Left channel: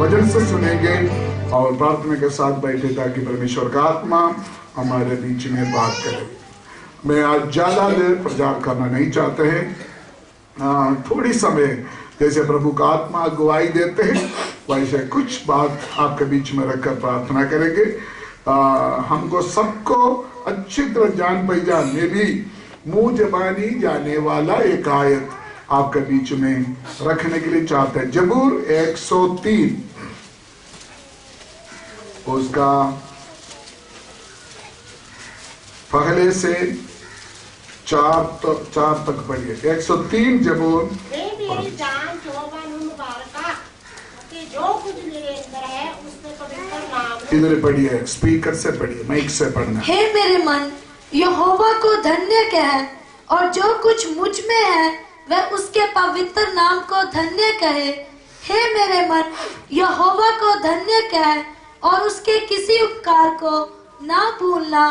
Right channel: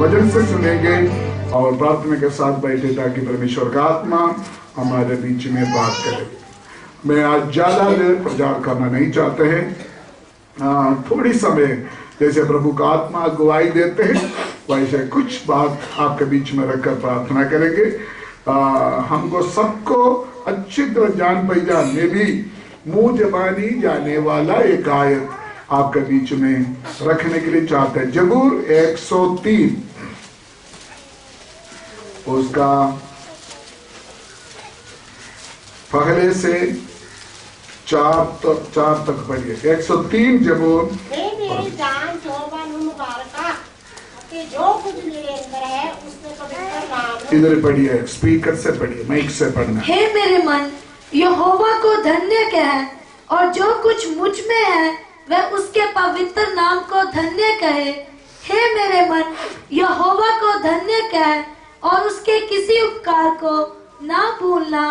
वचन से सुनेंगे और प्रार्थना के साथ बैठे ताकि परमेश्वर का आत्मा हमारे बीच में बात करे। मैं आज ज्यादा देर प्रचार करना नहीं चाहते हैं, थोड़ी समय जैसे प्रभु का आत्मा अगुवाई देते हैं वैसे कुछ बात आपके बीच में रखकर प्रार्थना करेंगे। हमको सबको अच्छी तरह जान पहचान में भी मुंह जबानी जाने वाला एक आयत आपके बीच में रखने के लिए चाहते हैं। जबूर 103 उसका पहले से 4 तक पढ़िए। 103 जबूर। जो कुछ मेरे अंदर है उसमें पवित्र नाम। इधर पढ़िए, स्पीकर से पढ़िए, माइक से पढ़ना। हे मेरे मन, यहोवा को धन्य कह, और जो कुछ मुझ में है वह उसके पवित्र नाम को धन्य कहे। हे मेरे मन, यहोवा को धन्य कह, और उसके किसी उपकार को ना भूलना।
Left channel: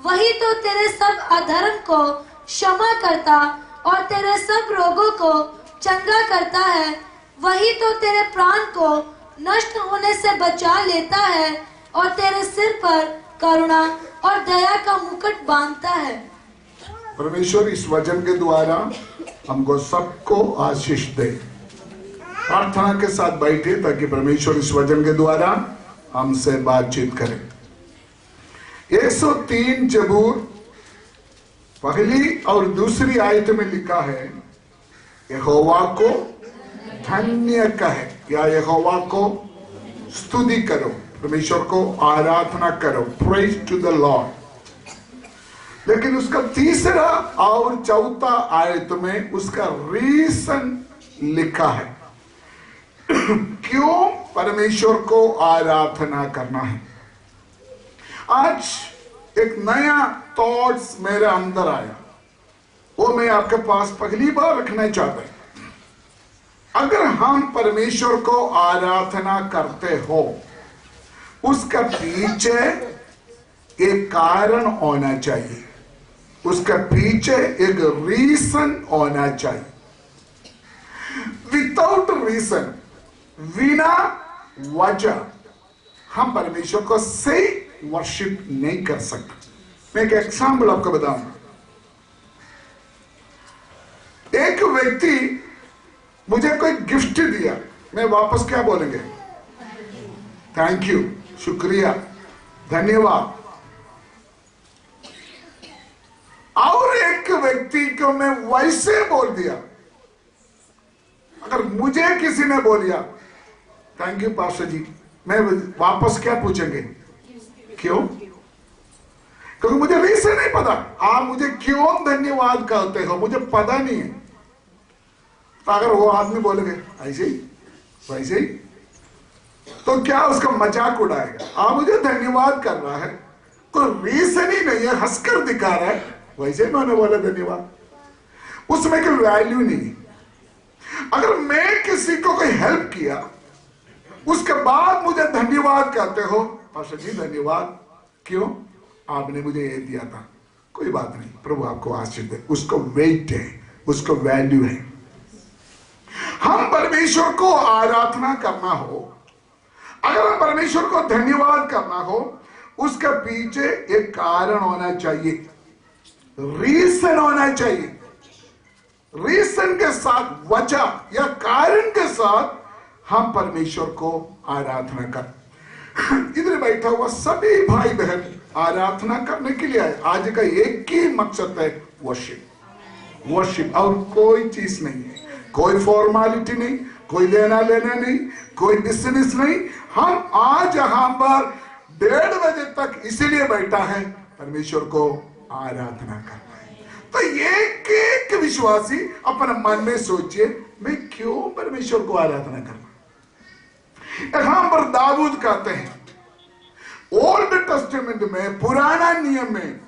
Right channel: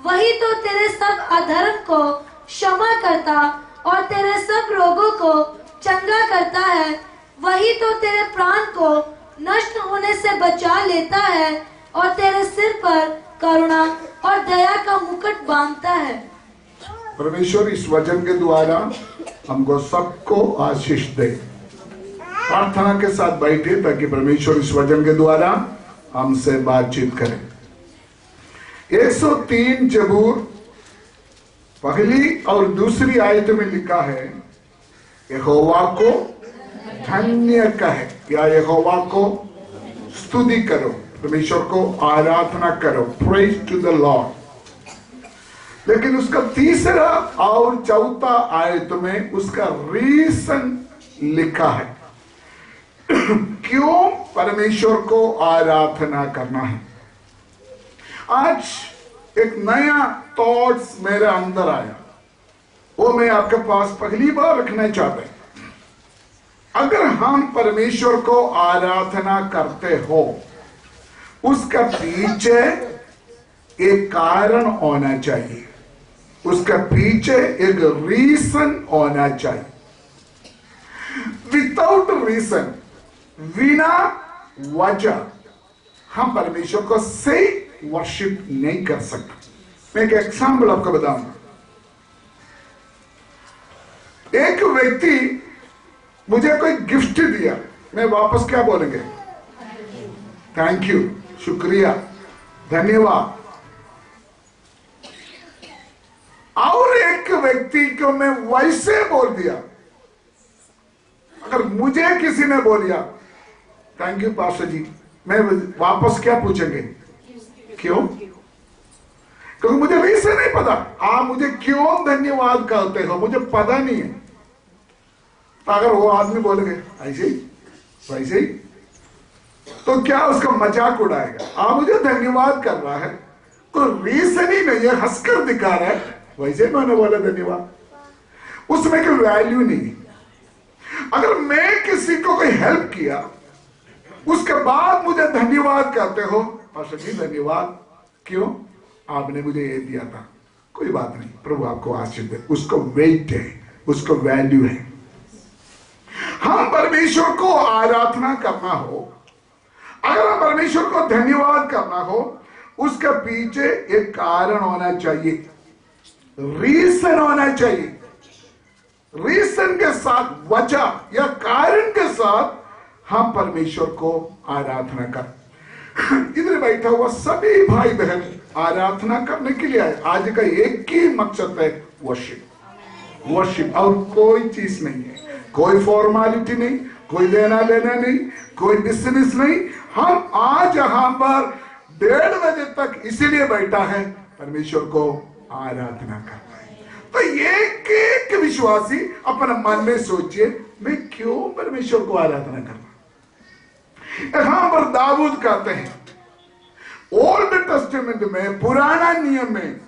वही तो तेरे सब अधर्म को क्षमा करता और तेरे सब रोगों को चंगा करता है। वही तो तेरे प्राण को नष्ट होने से बचा लेता है और तेरे सिर पर करुणा और दया का मुकुट बांधता है। परमेश्वर इस वचन के द्वारा हमको सबको आशीष दे। प्रार्थना के साथ बैठे ताकि परमेश्वर इस वचन के द्वारा हमसे बातचीत करे। 103 जबूर पहली और दूसरी आयत में लिखा है, यहोवा को धन्य कहे या यहोवा को स्तुति करो, परमेश्वर को आराधना करो, प्रेज टू द लॉर्ड। लेकिन उसका तीसरा और चौथा आयत में उसका रीजन लिखा है क्यों परमेश्वर को आराधना करना है। आज एक नया थॉट्स मेरे अंदर आया, वो मैं आपके पास पहली बार रखना चाहता हूं। अगर हम परमेश्वर को आराधना करते हो उसका पीछे एक कारण होना चाहिए, उसका पीछे एक रीजन होना चाहिए। विदाउट रीजन, बिना वजह हम परमेश्वर को सही वर्शिप नहीं कर सकते। मैं एक एग्जाम्पल आपको बताऊंगा। एक व्यक्ति मुझे कोई गिफ्ट दिया, मैं वापस क्या बोलेंगे? थैंक यू, शुक्रिया, धन्यवाद। और एक व्यक्ति को मैं वैसे बोल दिया। अगर मुझे किसी ने बोल दिया थैंक यू पास्टर जी, मैं वापस क्या पूछेंगे? क्यों? क्योंकि मुझे रीजन नहीं पता। आप मुझे क्यों धन्यवाद कहते हो मुझे पता नहीं है। तो अगर वो आदमी बोलेंगे ऐसे ही वैसे ही, तो क्या उसका मजाक उड़ाएगा? आप मुझे धन्यवाद कर रहा है, कोई रीजन ही नहीं है, हंसकर दिखा रहा है, वैसे ही मैंने बोला धन्यवाद, उसमें कोई वैल्यू नहीं। अगर मैं किसी को कोई हेल्प किया उसके बाद मुझे धन्यवाद कहते हो, पास्टर जी धन्यवाद, क्यों? आपने मुझे ये दिया था, कोई बात नहीं, प्रभु आपको आशीष दे, उसको वेट है, उसको वैल्यू है। हम परमेश्वर को आराधना करना हो, अगर हम परमेश्वर को धन्यवाद करना हो, उसके पीछे एक कारण होना चाहिए, रीजन होना चाहिए। रीजन के साथ, वजह या कारण के साथ हम परमेश्वर को आराधना कर। इधर बैठा हुआ सभी भाई बहन आराधना करने के लिए आए। आज का एक ही मकसद है, वर्शिप, वर्शिप, और कोई चीज नहीं है, कोई फॉर्मेलिटी नहीं, कोई लेना लेना नहीं, कोई बिजनेस नहीं। हम आज यहां पर 1:30 बजे तक इसीलिए बैठा है, परमेश्वर को आराधना करना है। तो एक विश्वासी अपने मन में सोचिए, मैं क्यों परमेश्वर को आराधना करना। यहां पर दाऊद कहते हैं, ओल्ड टेस्टामेंट में, पुराना नियम में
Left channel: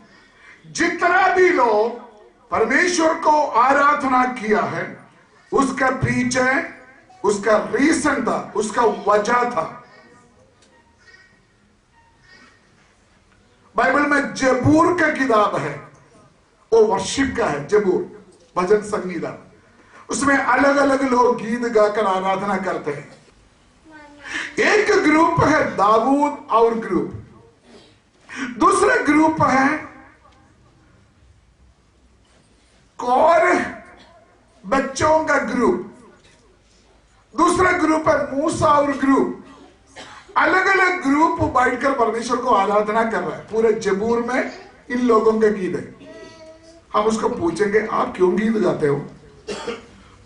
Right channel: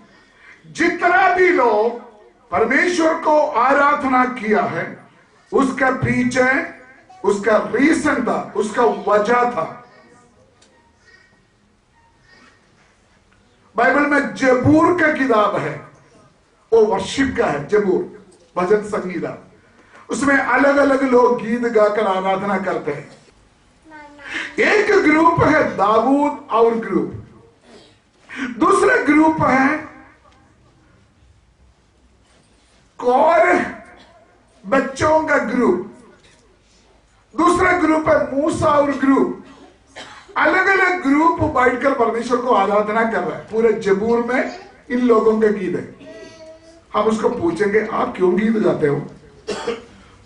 जितना भी लोग परमेश्वर को आराधना किया है उसका पीछे उसका रीजन था, उसका वजह था। बाइबल में जबूर का किताब है, वो वर्शिप का है, जबूर भजन संगीता। उसमें अलग अलग लोग गीत गाकर आराधना करते हैं। एक ग्रुप है दाऊद और ग्रुप, दूसरा ग्रुप है कोरह बच्चों का ग्रुप, दूसरा ग्रुप है मूसा और ग्रुप। अलग अलग ग्रुप बैठकर परमेश्वर को आराधना कर रहे हैं। पूरे जबूर में इन लोगों के गीत है। हम उसको पूछेंगे आप क्यों गीत गाते हो,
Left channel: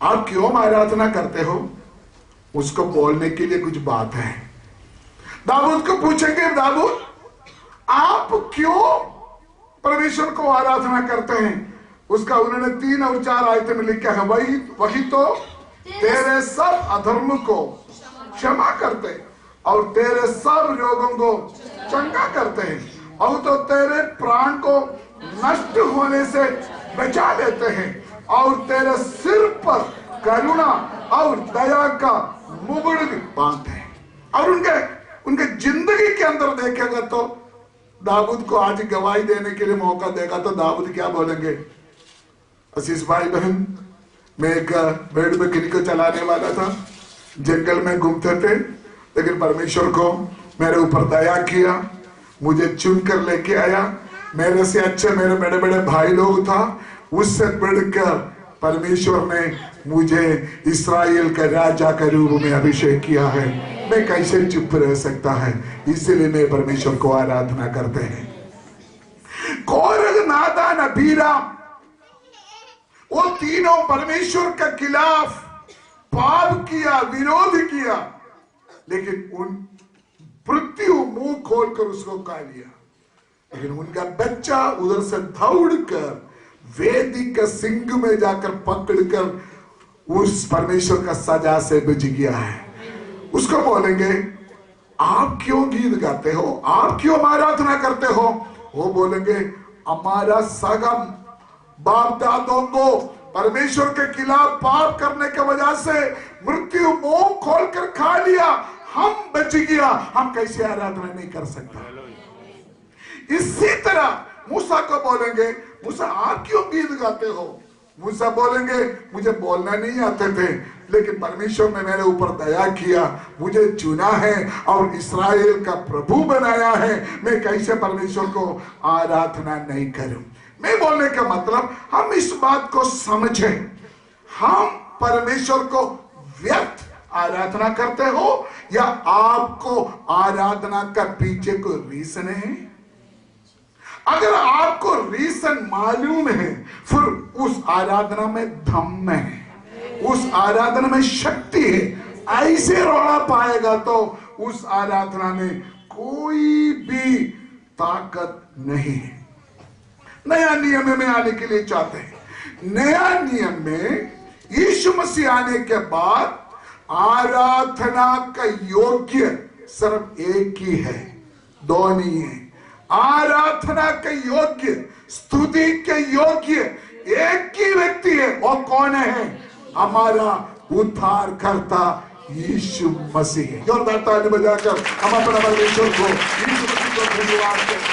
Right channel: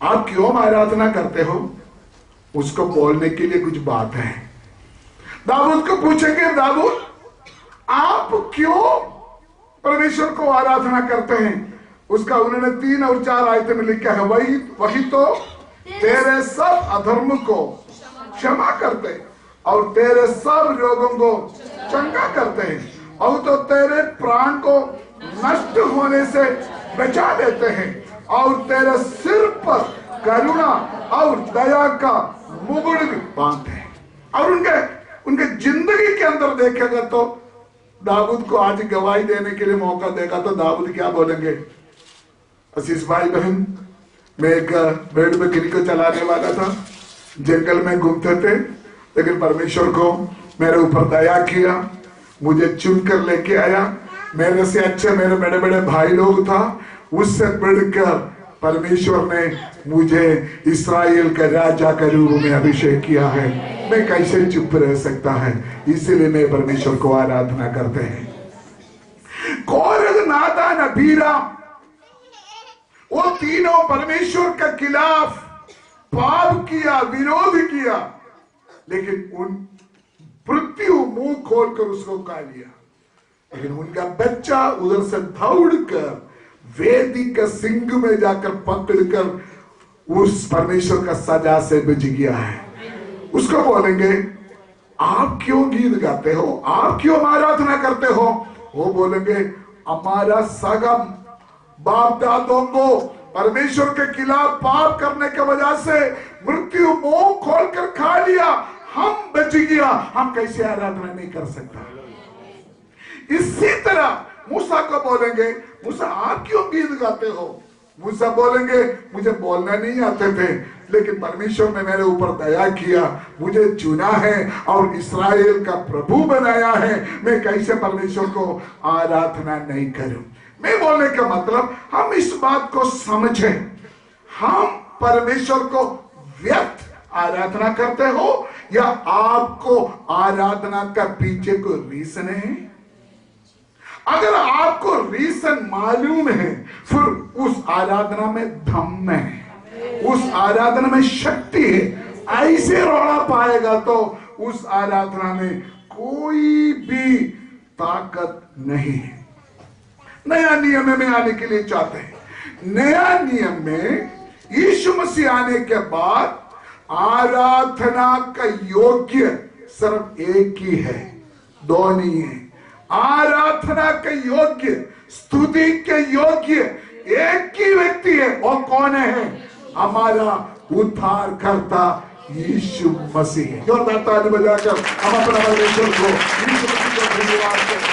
आप क्यों आराधना करते हो, उसको बोलने के लिए कुछ बात है। दाऊद को पूछेंगे दाऊद आप क्यों परमेश्वर को आराधना करते हैं, उसका उन्होंने 3 और 4 आयतें में लिखा है वही तो तेरे सब अधर्म को क्षमा करते और तेरे सब रोगों को चंगा करते हैं और तो तेरे प्राण को नष्ट होने से बचा देते हैं और तेरे सिर पर करुणा और दया का मुकुट बांधते हैं। और उनके जिंदगी के अंदर देखेगा तो दाऊद को आज गवाही देने के लिए मौका देगा तो दाऊद क्या बोलेंगे, आशीष भाई बहन, मैं एक भेड़ बकरी को चलाने वाला था, जंगल में घूमते थे, लेकिन परमेश्वर को मेरे ऊपर दया किया, मुझे चुन कर लेके आया। मेरे से अच्छे मेरे बड़े बड़े भाई लोग था, उससे बढ़कर परमेश्वर ने मुझे इस्राएल का राजा के रूप में अभिषेक किया है। मैं कैसे चुप रह सकता है, इसलिए मैं परमेश्वर को आराधना करते हैं। कोरह, नादान, अबीराम, वो तीनों परमेश्वर के खिलाफ पाप किया, विरोध किया, लेकिन उन पृथ्वी मुंह खोलकर उसको खा लिया। लेकिन उनका बच्चा उधर से दौड़कर वेदी का सिंह में जाकर पकड़कर उस परमेश्वर का सजा से बच गया है। उसको बोलेंगे आप क्यों गीत गाते हो, आप क्यों आराधना करते हो, वो बोलेंगे हमारा सगम बाप दादों को परमेश्वर के खिलाफ पाप करने की वजह से मृत्यु मुंह खोलकर खा लिया, हम बच गया, हम कैसे आराधना नहीं कर सकता। इसी तरह मूसा को बोलेंगे मूसा आप क्यों गीत गाते हो, मूसा बोलेंगे मुझे बोलना नहीं आते थे, लेकिन परमेश्वर ने मेरे ऊपर दया किया, मुझे चुना है और इस्राएल का प्रभु बनाया है, मैं कैसे परमेश्वर को आराधना नहीं करूं। मैं बोलने का मतलब हम इस बात को समझें, हम परमेश्वर को व्यर्थ आराधना करते हो या आपको आराधना का पीछे कोई रीजन है। अगर आपको रीजन मालूम है फिर उस आराधना में दम है, उस आराधना में शक्ति है। ऐसे रोना पाएगा तो उस आराधना में कोई भी ताकत नहीं है। नया नियम में आने के लिए चाहते हैं, नया नियम में यीशु मसीह आने के बाद आराधना का योग्य सिर्फ एक ही है, दो नहीं है। आराधना के योग्य, स्तुति के योग्य एक ही व्यक्ति है, वो कौन है, हमारा उद्धारकर्ता यीशु मसीह है। जोरदार ताली बजाकर हम अपना परमेश्वर को, यीशु मसीह को धन्यवाद करें।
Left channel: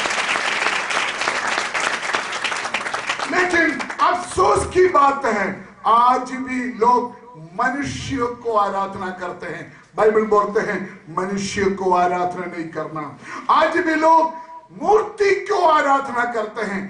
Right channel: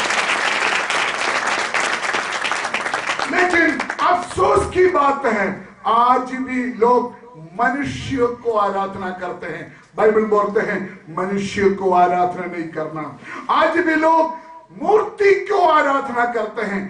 लेकिन अफसोस की बात है आज भी लोग मनुष्य को आराधना करते हैं। बाइबल बोलते हैं मनुष्य को आराधना नहीं करना। आज भी लोग मूर्ति को आराधना करते हैं।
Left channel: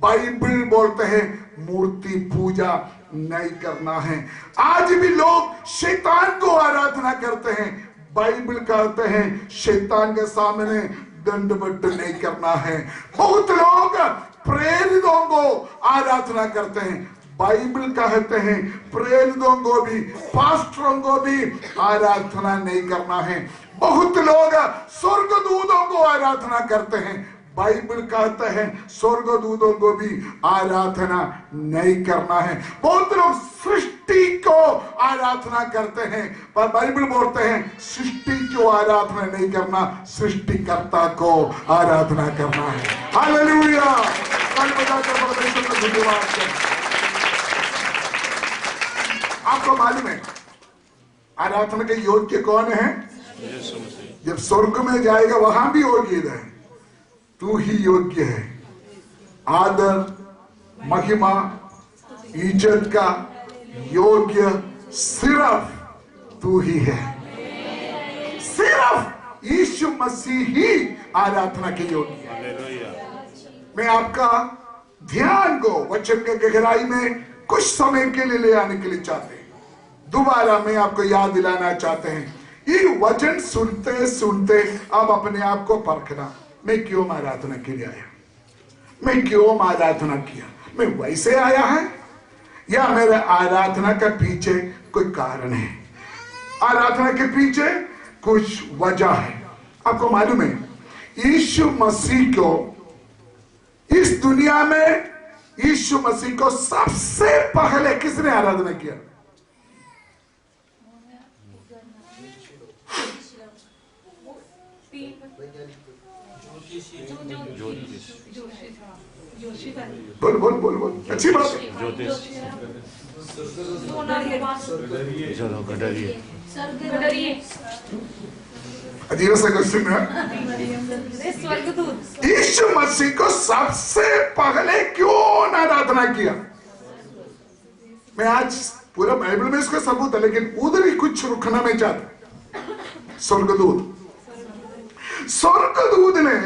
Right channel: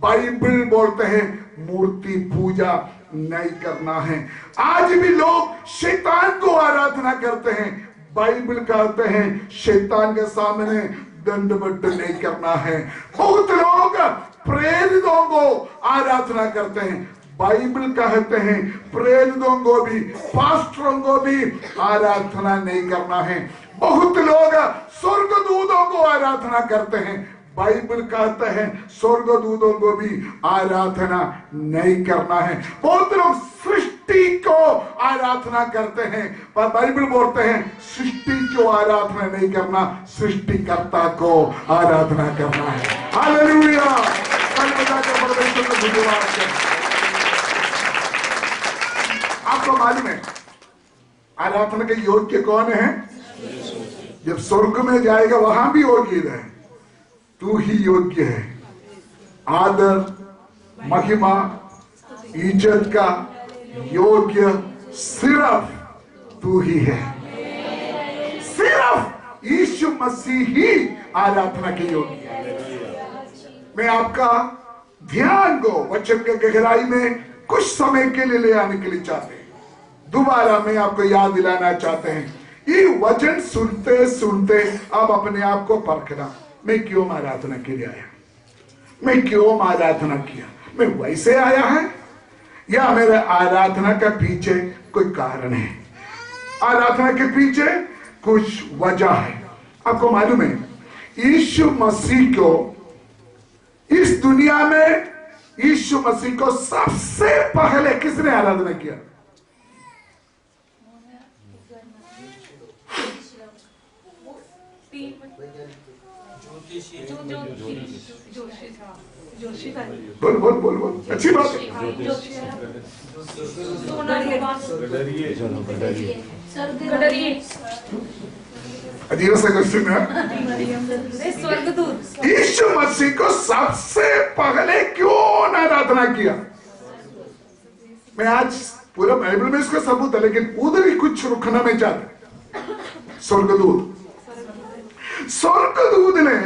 बाइबल बोलते हैं मूर्ति पूजा नहीं करना है। आज भी लोग शैतान को आराधना करते हैं। बाइबल कहते हैं शैतान के सामने दंडवत नहीं करना है। बहुत लोग प्रेरितों को आराधना करते हैं। बाइबल कहते हैं प्रेरितों को भी, पास्टरों को भी आराधना नहीं करना है। बहुत लोग स्वर्गदूतों को आराधना करते हैं। बाइबल कहते हैं स्वर्गदूतों को भी आराधना नहीं करना है। बहुत लोग सृष्टि को आराधना करते हैं, पर बाइबल बोलते हैं सृष्टि को आराधना नहीं करना, सृष्टिकर्ता को आराधना करना है। हालेलुया, परमेश्वर का धन्यवाद करें। आपको मालूम है आराधना के योग्य कौन है? जब स्वर्ग में जाएगा वहां भी योग्य है, तू ही योग्य है। आदर, महिमा, इज्जत का योग्य सिर्फ तू ही है, सिर्फ यीशु मसीह ही आराधना के योग्य है। मैं आपका ध्यान को वचन के गहराई में कुछ समय के लिए ले आने के लिए चाहते हैं। दोबारा मैं आपको याद दिलाना चाहते हैं, ये वचन सुनते सुनते आप अपने आप को परखना, मैं क्यों आराधना के लिए आया, मैं क्यों आराधना किया, मैं वैसे आया है या मेरे आराधना के पीछे कोई कारण है, आराधना के पीछे कुछ वजह है। आपको मालूम है यीशु मसीह को इस दुनिया में, यीशु मसीह को सबसे पहले किसने आराधना किया? बोल बोल बोल बोल, अच्छी बात है। अजीब सा क्वेश्चन है। यीशु मसीह को सबसे पहले क्यों आराधना किया? मैं आज पूरा बाइबल में इसका सबूत है, लेकिन उधर ही कुछ रुकना मैं चाहता। स्वर्गदूत ने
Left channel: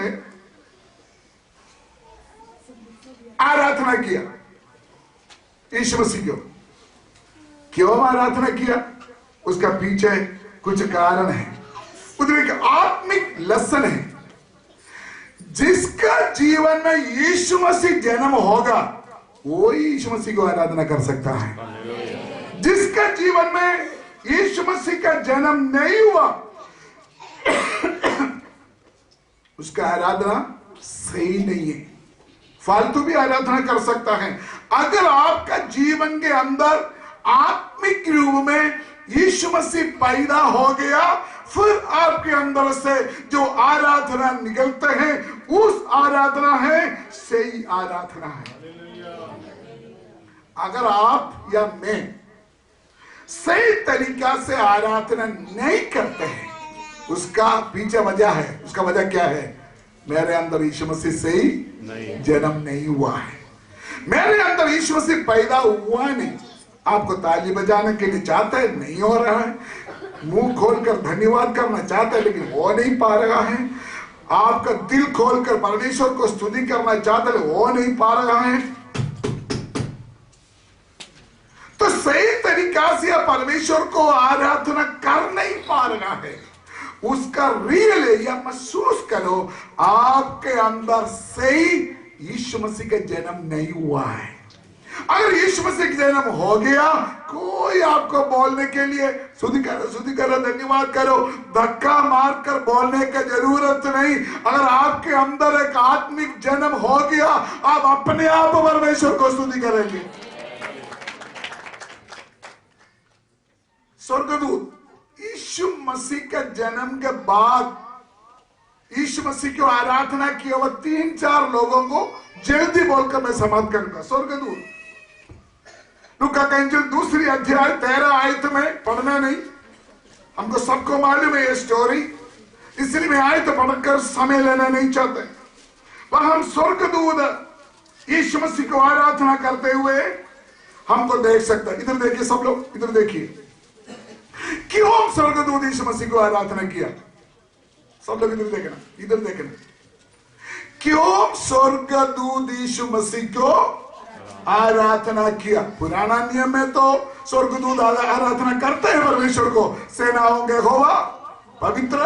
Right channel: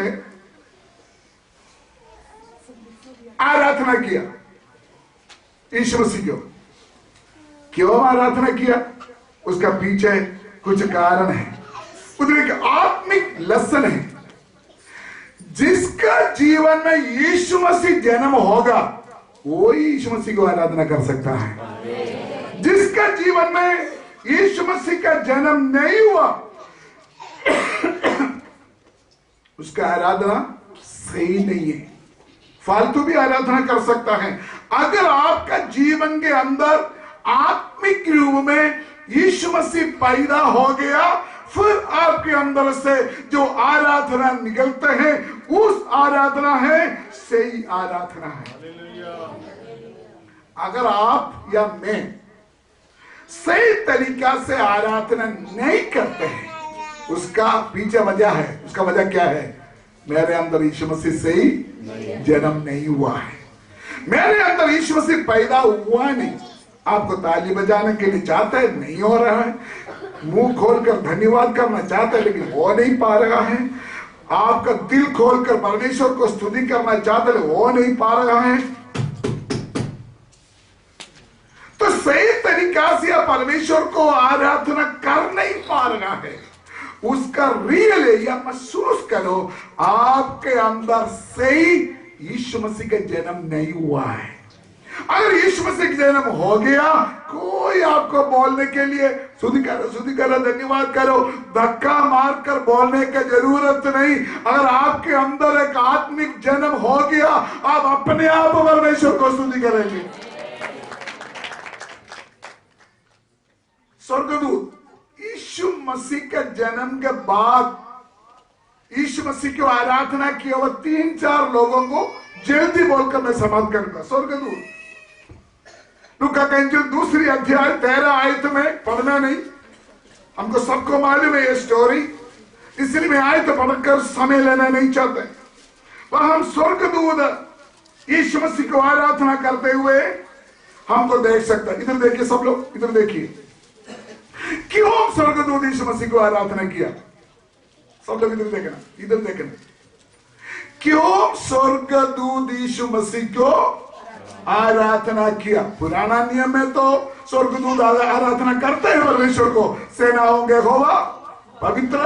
आराधना किया यीशु मसीह को। क्यों आराधना किया? उसका पीछे कुछ कारण है, उधर एक आत्मिक लक्षण है। जिसका जीवन में यीशु मसीह जन्म होगा वो यीशु मसीह को आराधना कर सकता है। जिसका जीवन में यीशु मसीह का जन्म नहीं हुआ उसका आराधना सही नहीं है, फालतू भी आराधना कर सकता है। अगर आपका जीवन के अंदर आत्मिक रूप में यीशु मसीह पैदा हो गया, फिर आपके अंदर से जो आराधना निकलते हैं उस आराधना है सही आराधना है। अगर आप या मैं सही तरीका से आराधना नहीं करते हैं, उसका पीछे वजह है। उसका वजह क्या है? मेरे अंदर यीशु मसीह सही जन्म नहीं हुआ है, मेरे अंदर यीशु मसीह पैदा हुआ नहीं। आपको ताली बजाने के लिए चाहते हैं, नहीं हो रहा है। मुंह खोलकर धन्यवाद करना चाहते हैं, लेकिन हो नहीं पा रहा है। आपका दिल खोलकर परमेश्वर को स्तुति करना चाहते हैं, हो नहीं पा रहा है। तो सही तरीका से आप परमेश्वर को आराधना कर नहीं पा रहा है। उसका रियल या महसूस करो, आपके अंदर सही यीशु मसीह का जन्म नहीं हुआ है। अगर यीशु मसीह का जन्म हो गया, कोई आपको बोलने के लिए स्तुति करो, धन्यवाद करो, धक्का मारकर बोलने की जरूरत नहीं। अगर आपके अंदर एक आत्मिक जन्म हो गया, आप अपने आप परमेश्वर को स्तुति करेंगे। स्वर्गदूत यीशु मसीह के जन्म के बाद यीशु मसीह की आराधना की और 3-4 लोगों को जल्दी बोलकर मैं समाप्त करूंगा। स्वर्गदूत लूका का इंजील 2 अध्याय 13 आयत में पढ़ना नहीं, हमको सबको मालूम है ये स्टोरी, इसलिए मैं आयत पढ़कर समय लेना नहीं चाहते। वह हम स्वर्गदूत यीशु मसीह को आराधना करते हुए हमको देख सकता है। इधर देखिए सब लोग, इधर देखिए, क्यों स्वर्गदूत यीशु मसीह को आराधना किया? सब लोग इधर देखना, इधर देखना। क्यों स्वर्गदूत यीशु मसीह को आराधना किया? पुराना नियम में तो स्वर्गदूत आराधना करते हैं परमेश्वर को, सेनाओं के यहोवा पवित्र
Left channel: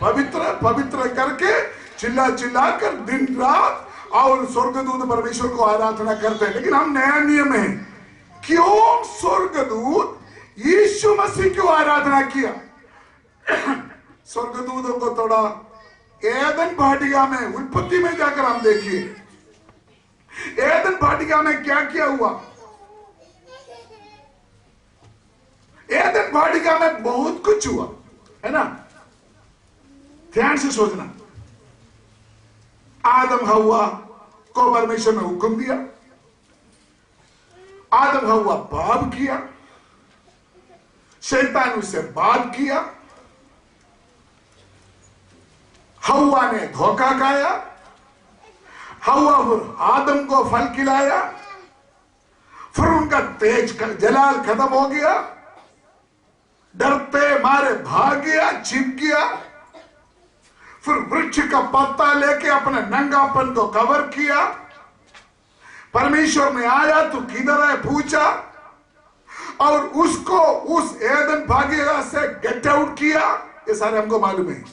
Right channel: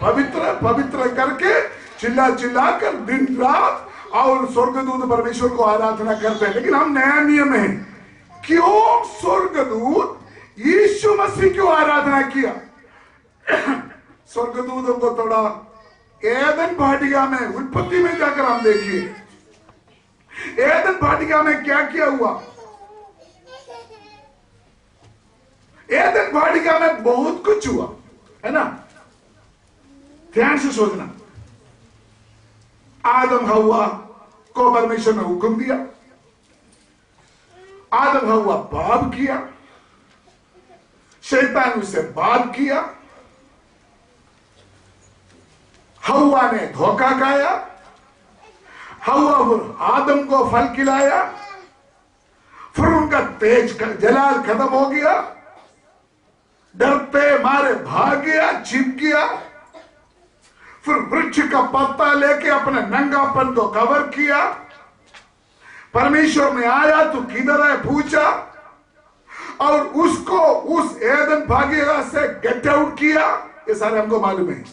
पवित्र पवित्र करके चिल्ला चिल्ला कर दिन रात, और स्वर्गदूत परमेश्वर को आराधना करते हैं। लेकिन हम नया नियम है, क्यों स्वर्गदूत यीशु मसीह को आराधना किया? स्वर्गदूतों को थोड़ा एदन वाटिका में, उत्पत्ति में जाकर हम देखिए, एदन वाटिका में क्या किया हुआ। एदन वाटिका में बहुत कुछ हुआ है ना, ध्यान से सोचना। आदम हव्वा को परमेश्वर ने हुक्म दिया, आदम हव्वा पाप किया, शैतान उससे बात किया, हव्वा ने धोखा खाया, हव्वा आदम को फल खिलाया, फिर उनका तेज जलाल खत्म हो गया, डरते मारे भाग गया, छिप गया। फिर वृक्ष का पत्ता लेके अपने नंगापन को कवर किया। परमेश्वर ने आया तो किधर है पूछा और उसको उस एदन भाग्य से गेट आउट किया। ये सारे हमको मालूम है।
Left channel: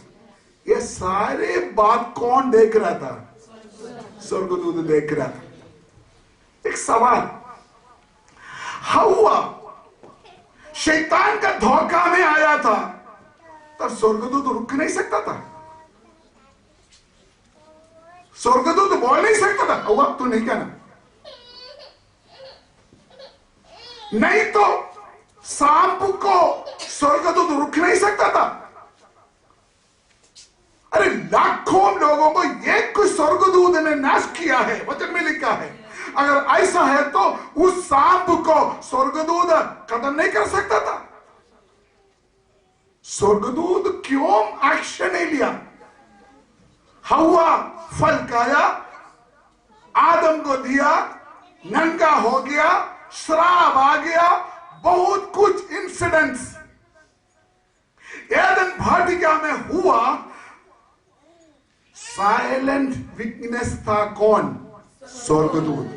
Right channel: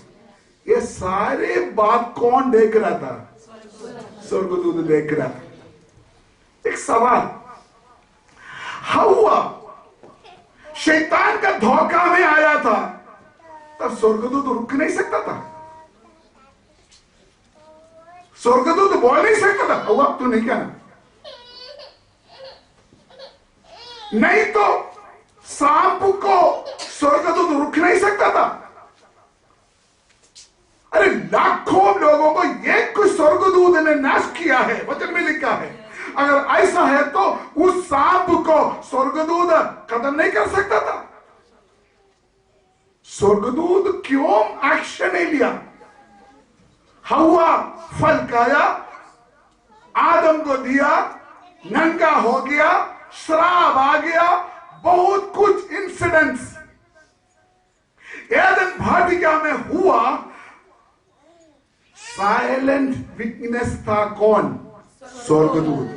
ये सारे बात कौन देख रहा था? स्वर्गदूत देख रहा था। एक सवाल, हव्वा शैतान का धोखा में आया था, तब स्वर्गदूत रुक नहीं सकता था? स्वर्गदूत बोल नहीं सकता था हव्वा तू नहीं कहना? नहीं तो सांप को स्वर्गदूत रुक नहीं सकता था? अरे लाखों लोगों को एक कोई स्वर्गदूत ने नाश किया है, वचन में लिखा है। अगर ऐसा है तो उस सांप को स्वर्गदूत खत्म नहीं कर सकता था? स्वर्गदूत क्यों एक्शन नहीं लिया? हव्वा फल खाया, आदम को दिया, नंगा हो गया, श्राप आ गया, बहुत कुछ इंसिडेंट्स एदन वाटिका में हुआ। साइलेंट विटनेस था कौन? स्वर्गदूत,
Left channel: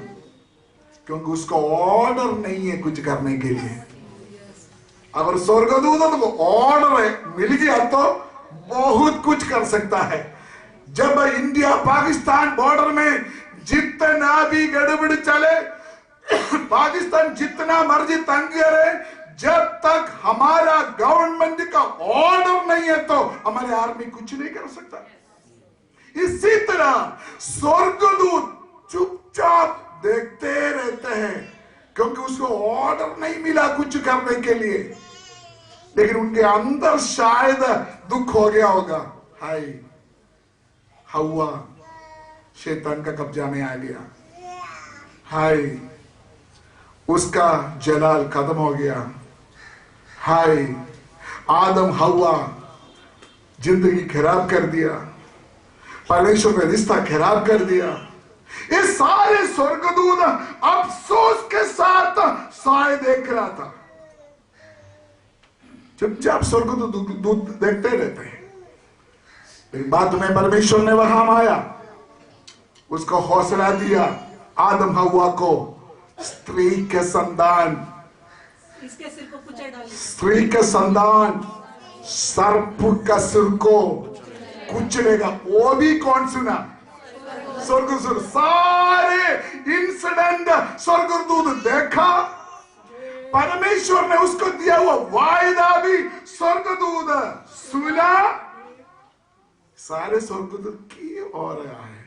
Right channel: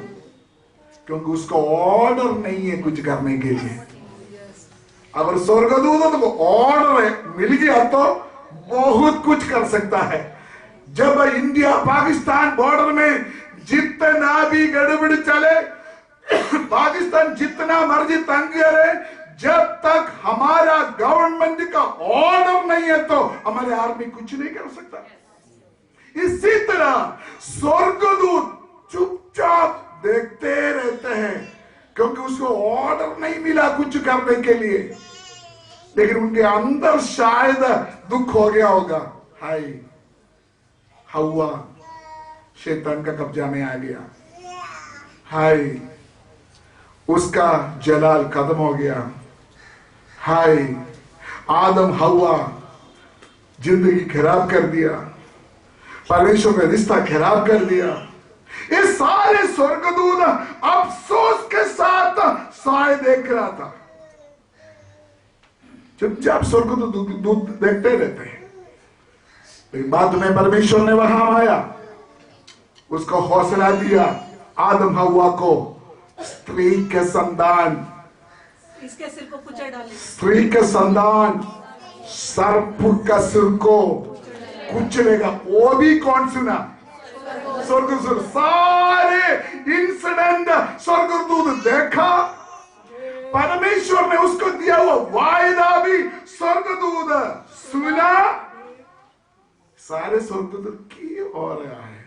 क्योंकि उसको ऑर्डर नहीं है कुछ करने के लिए। अगर स्वर्गदूत को ऑर्डर मिल गया तो बहुत कुछ कर सकता है। जब इंडिया पाकिस्तान बॉर्डर में जितना भी गड़बड़ चले, पाकिस्तान जितना मर्जी तंग करे, जब तक हमारा गवर्नमेंट का ऑर्डर नहीं है तो हमारे आर्मी कुछ नहीं कर सकता। इसी तरह स्वर्गदूत चुपचाप देखते रहते हैं, क्योंकि उसको ऑर्डर नहीं मिला कुछ करने के लिए। लेकिन उनके अंदर शायद दुख हो गया होगा, हाय हव्वा शैतान का कब्जा में आ गया, हाय उसका जलाल खत्म हो गया, हाय आदम हव्वा जिंदगी खराब कर दिया, परमेश्वर का रिश्ता खराब कर दिया। ये सारे स्वर्गदूत अफसोस के साथ साए देख रहा था। चुपचाप स्वर्गदूत देखते रहते हैं। लेकिन बाद में परमेश्वर ने वहां आया, उसको हौसला दिया, आदम हव्वा को स्त्री के संतान, इसके सिर को कुचल डाले, स्त्री के संतान सर्प का सिर को कुचलेगा। वो भी कौन सुना? स्वर्गदूत। सारे इंसिडेंट स्वर्गदूत देखा, परमेश्वर ने उसको दिया हुआ वायदा भी स्वर्गदूत सुना। सारे स्वर्गदूत की ओर आए।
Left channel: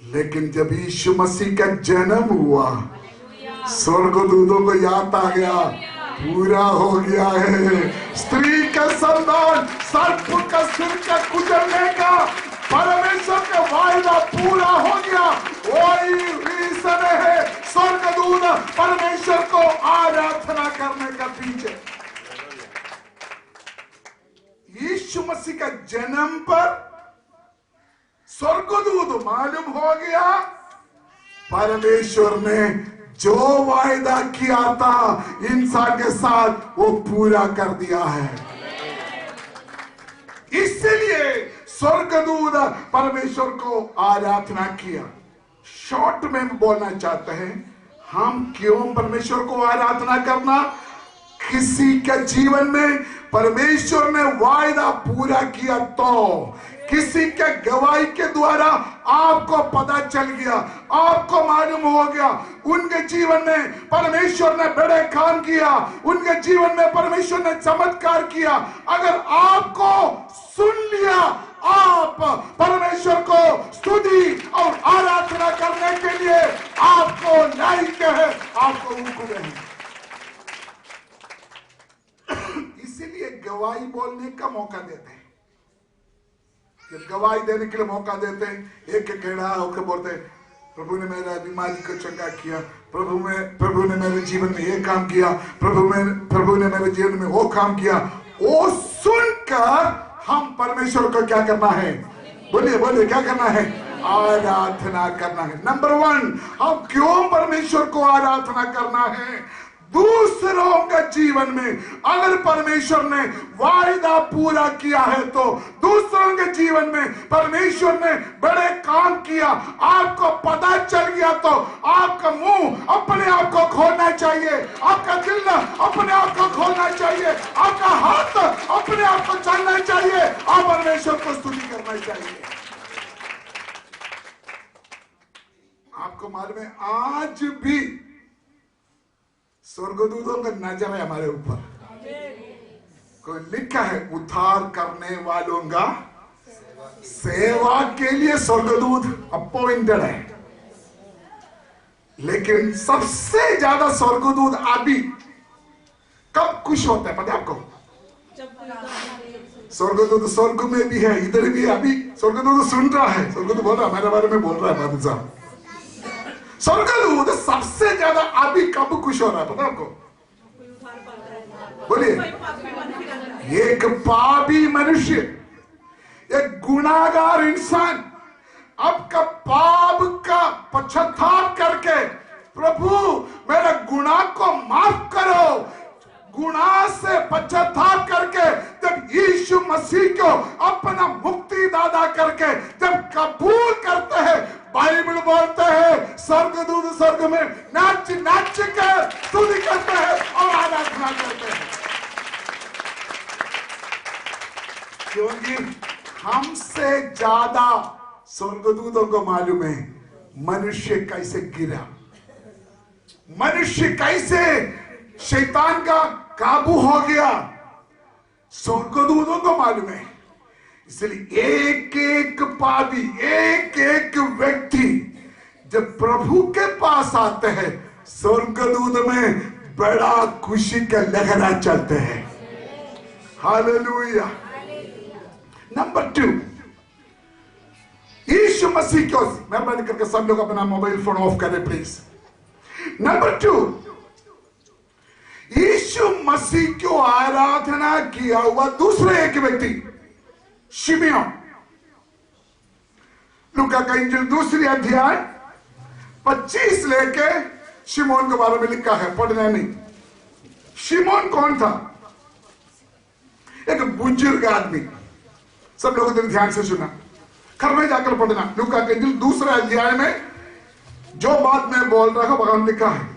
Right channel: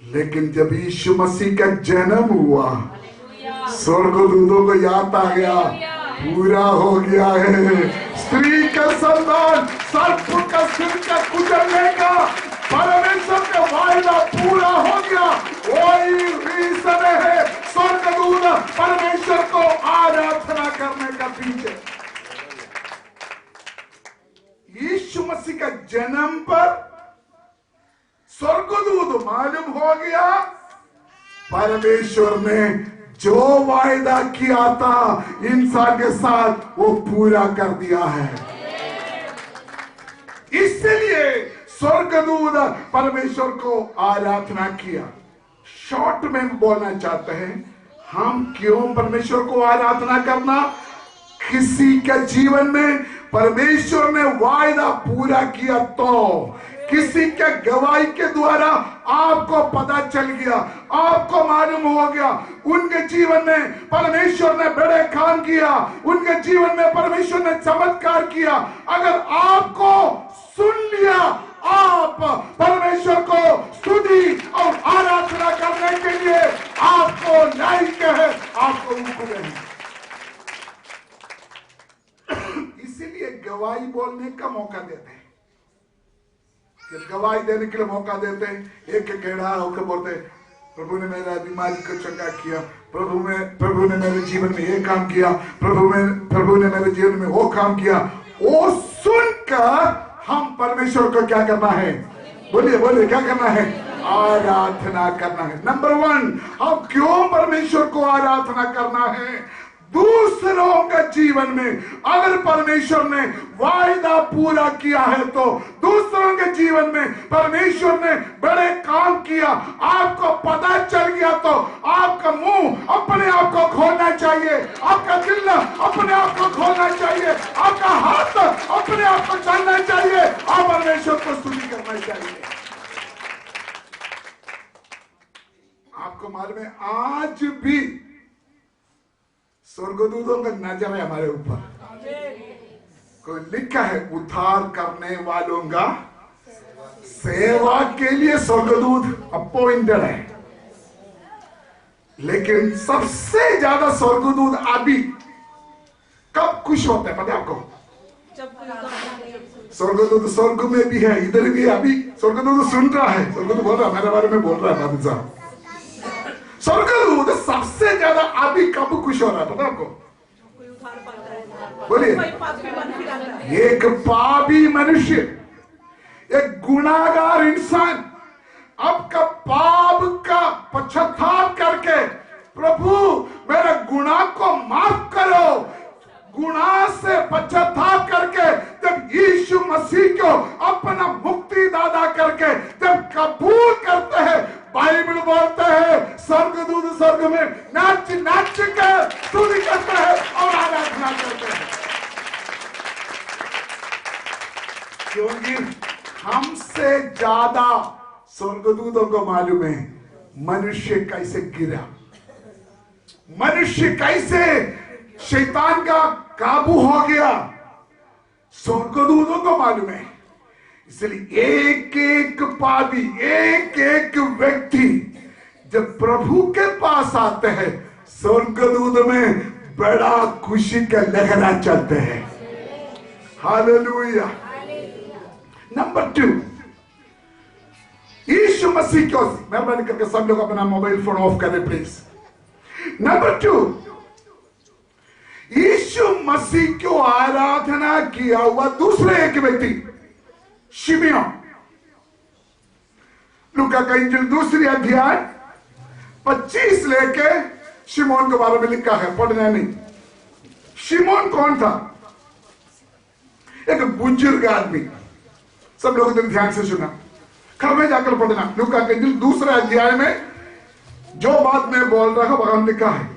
लेकिन जब यीशु मसीह का जन्म हुआ, स्वर्गदूतों को याद आ गया, पूरा हो गया है। स्त्री का संतान सर्प का सिर का कुचलने का परमेश्वर का वायदा पूरा हो गया। वही रीजन है स्वर्गदूत परमेश्वर को आराधना करने का पीछे। यीशु मसीह का जन्म पर स्वर्गदूत मालूम हो गया, परमेश्वर ने जो वायदा किया था इंसान के साथ वो पूरा कर दिया है। इसलिए स्वर्गदूत परमेश्वर को आराधना किया। शॉर्ट में बोलना चाहते हैं, हम क्यों परमेश्वर को आराधना करना? किसी के जीवन में परमेश्वर ने वायदा पूरा किया तो किसी के गवाही के द्वारा आपको पता चल गया, आपको मालूम हो गया उनके जीवन में परमेश्वर ने बड़े काम किया, उनके जीवन में परमेश्वर ने चमत्कार किया। अगर आपको सुन लिया, आप परमेश्वर को स्तुति और आराधना करने के लिए आपको लायक है, आपको रुकने हैं। इसीलिए गवाही बोलने का मौका देते हैं। जब गवाही देने के लिए मौका देते हैं, एक केड़ा होकर बोलते हैं, प्रभु ने मेरा बीमारी को चंगा किया, प्रभु ने मेरे जीवन में ये काम किया, प्रभु ने मेरे जीवन में वो काम किया। वो सुनकर हम परमेश्वर को क्या करना है? बोलिए बोलिए, क्या करना है? आराधना करना है। नंबर 1, हम क्यों परमेश्वर को आराधना करना है? दूसरों के जीवन में अगर परमेश्वर ने वायदा पूरा किया है तो दूसरों के जीवन में परमेश्वर ने बड़े काम किया, आपको पता चल गया तो आपका मुंह अपने आप को खोलना चाहिए, आपका दिल अपने आप को खोलना चाहिए, आपका हाथ अपने आप को चलना चाहिए और परमेश्वर को स्तुति करना चाहिए। आपको मालूम है आज भी स्वर्गदूतों का नजर है हमारे ऊपर। कोई लिखा है उद्धार करने वालों का सेवा के लिए स्वर्गदूत अपॉइंटेड है, लेकिन सबसे ज्यादा स्वर्गदूत अभी कब खुश होते हैं पता है आपको? स्वर्गदूत स्वर्ग में भी है, इधर भी है। अभी स्वर्गदूत सुन रहा है, स्वर्गदूत बोल रहा है, मेरे बारे में बोल रहा है बादल साहब। स्वर्गदूत सबसे ज्यादा अभी कब खुश हो रहा है पता है आपको? बोलिए। एक पापी मनुष्य, एक गुनाहगार इंसान आपका पाप का पश्चाताप करके प्रभु मेरे गुनाह को माफ करो, गुनाह से पश्चाताप करके जब यीशु मसीह को अपना मुक्ति दाता करके जब कबूल करते हैं, बाइबल बोलते हैं स्वर्गदूत स्वर्ग में नाच नाच कर स्तुति करते हैं और आराधना करते हैं, क्योंकि हमसे ज्यादा स्वर्गदूतों को मालूम है मनुष्य कैसे गिरा, मनुष्य कैसे शैतान का काबू हो गया, स्वर्गदूतों को मालूम है। इसलिए एक एक पापी, एक एक व्यक्ति जब प्रभु के पास आते हैं स्वर्गदूत में बड़ा खुशी का लहरा चलते हैं। हालेलुया। नंबर 2, यीशु मसीह को, मेहरबानी करके सब लोग अपना मोबाइल फोन ऑफ करें प्लीज। नंबर 2, यीशु मसीह को आराधना किया हुआ दूसरे एक व्यक्ति शिमयोन। लूका का इंजील 2 अध्याय 25 लेके शिमोन के बारे में लिखा है, पढ़ना नहीं। शिमोन कौन था? एक बुजुर्ग आदमी। सब लोग ध्यान से सुना, घर में जाकर पढ़ना। लूका का इंजील 2 अध्याय में जो बात मैं बोल रहा हूं वहां लिखा है।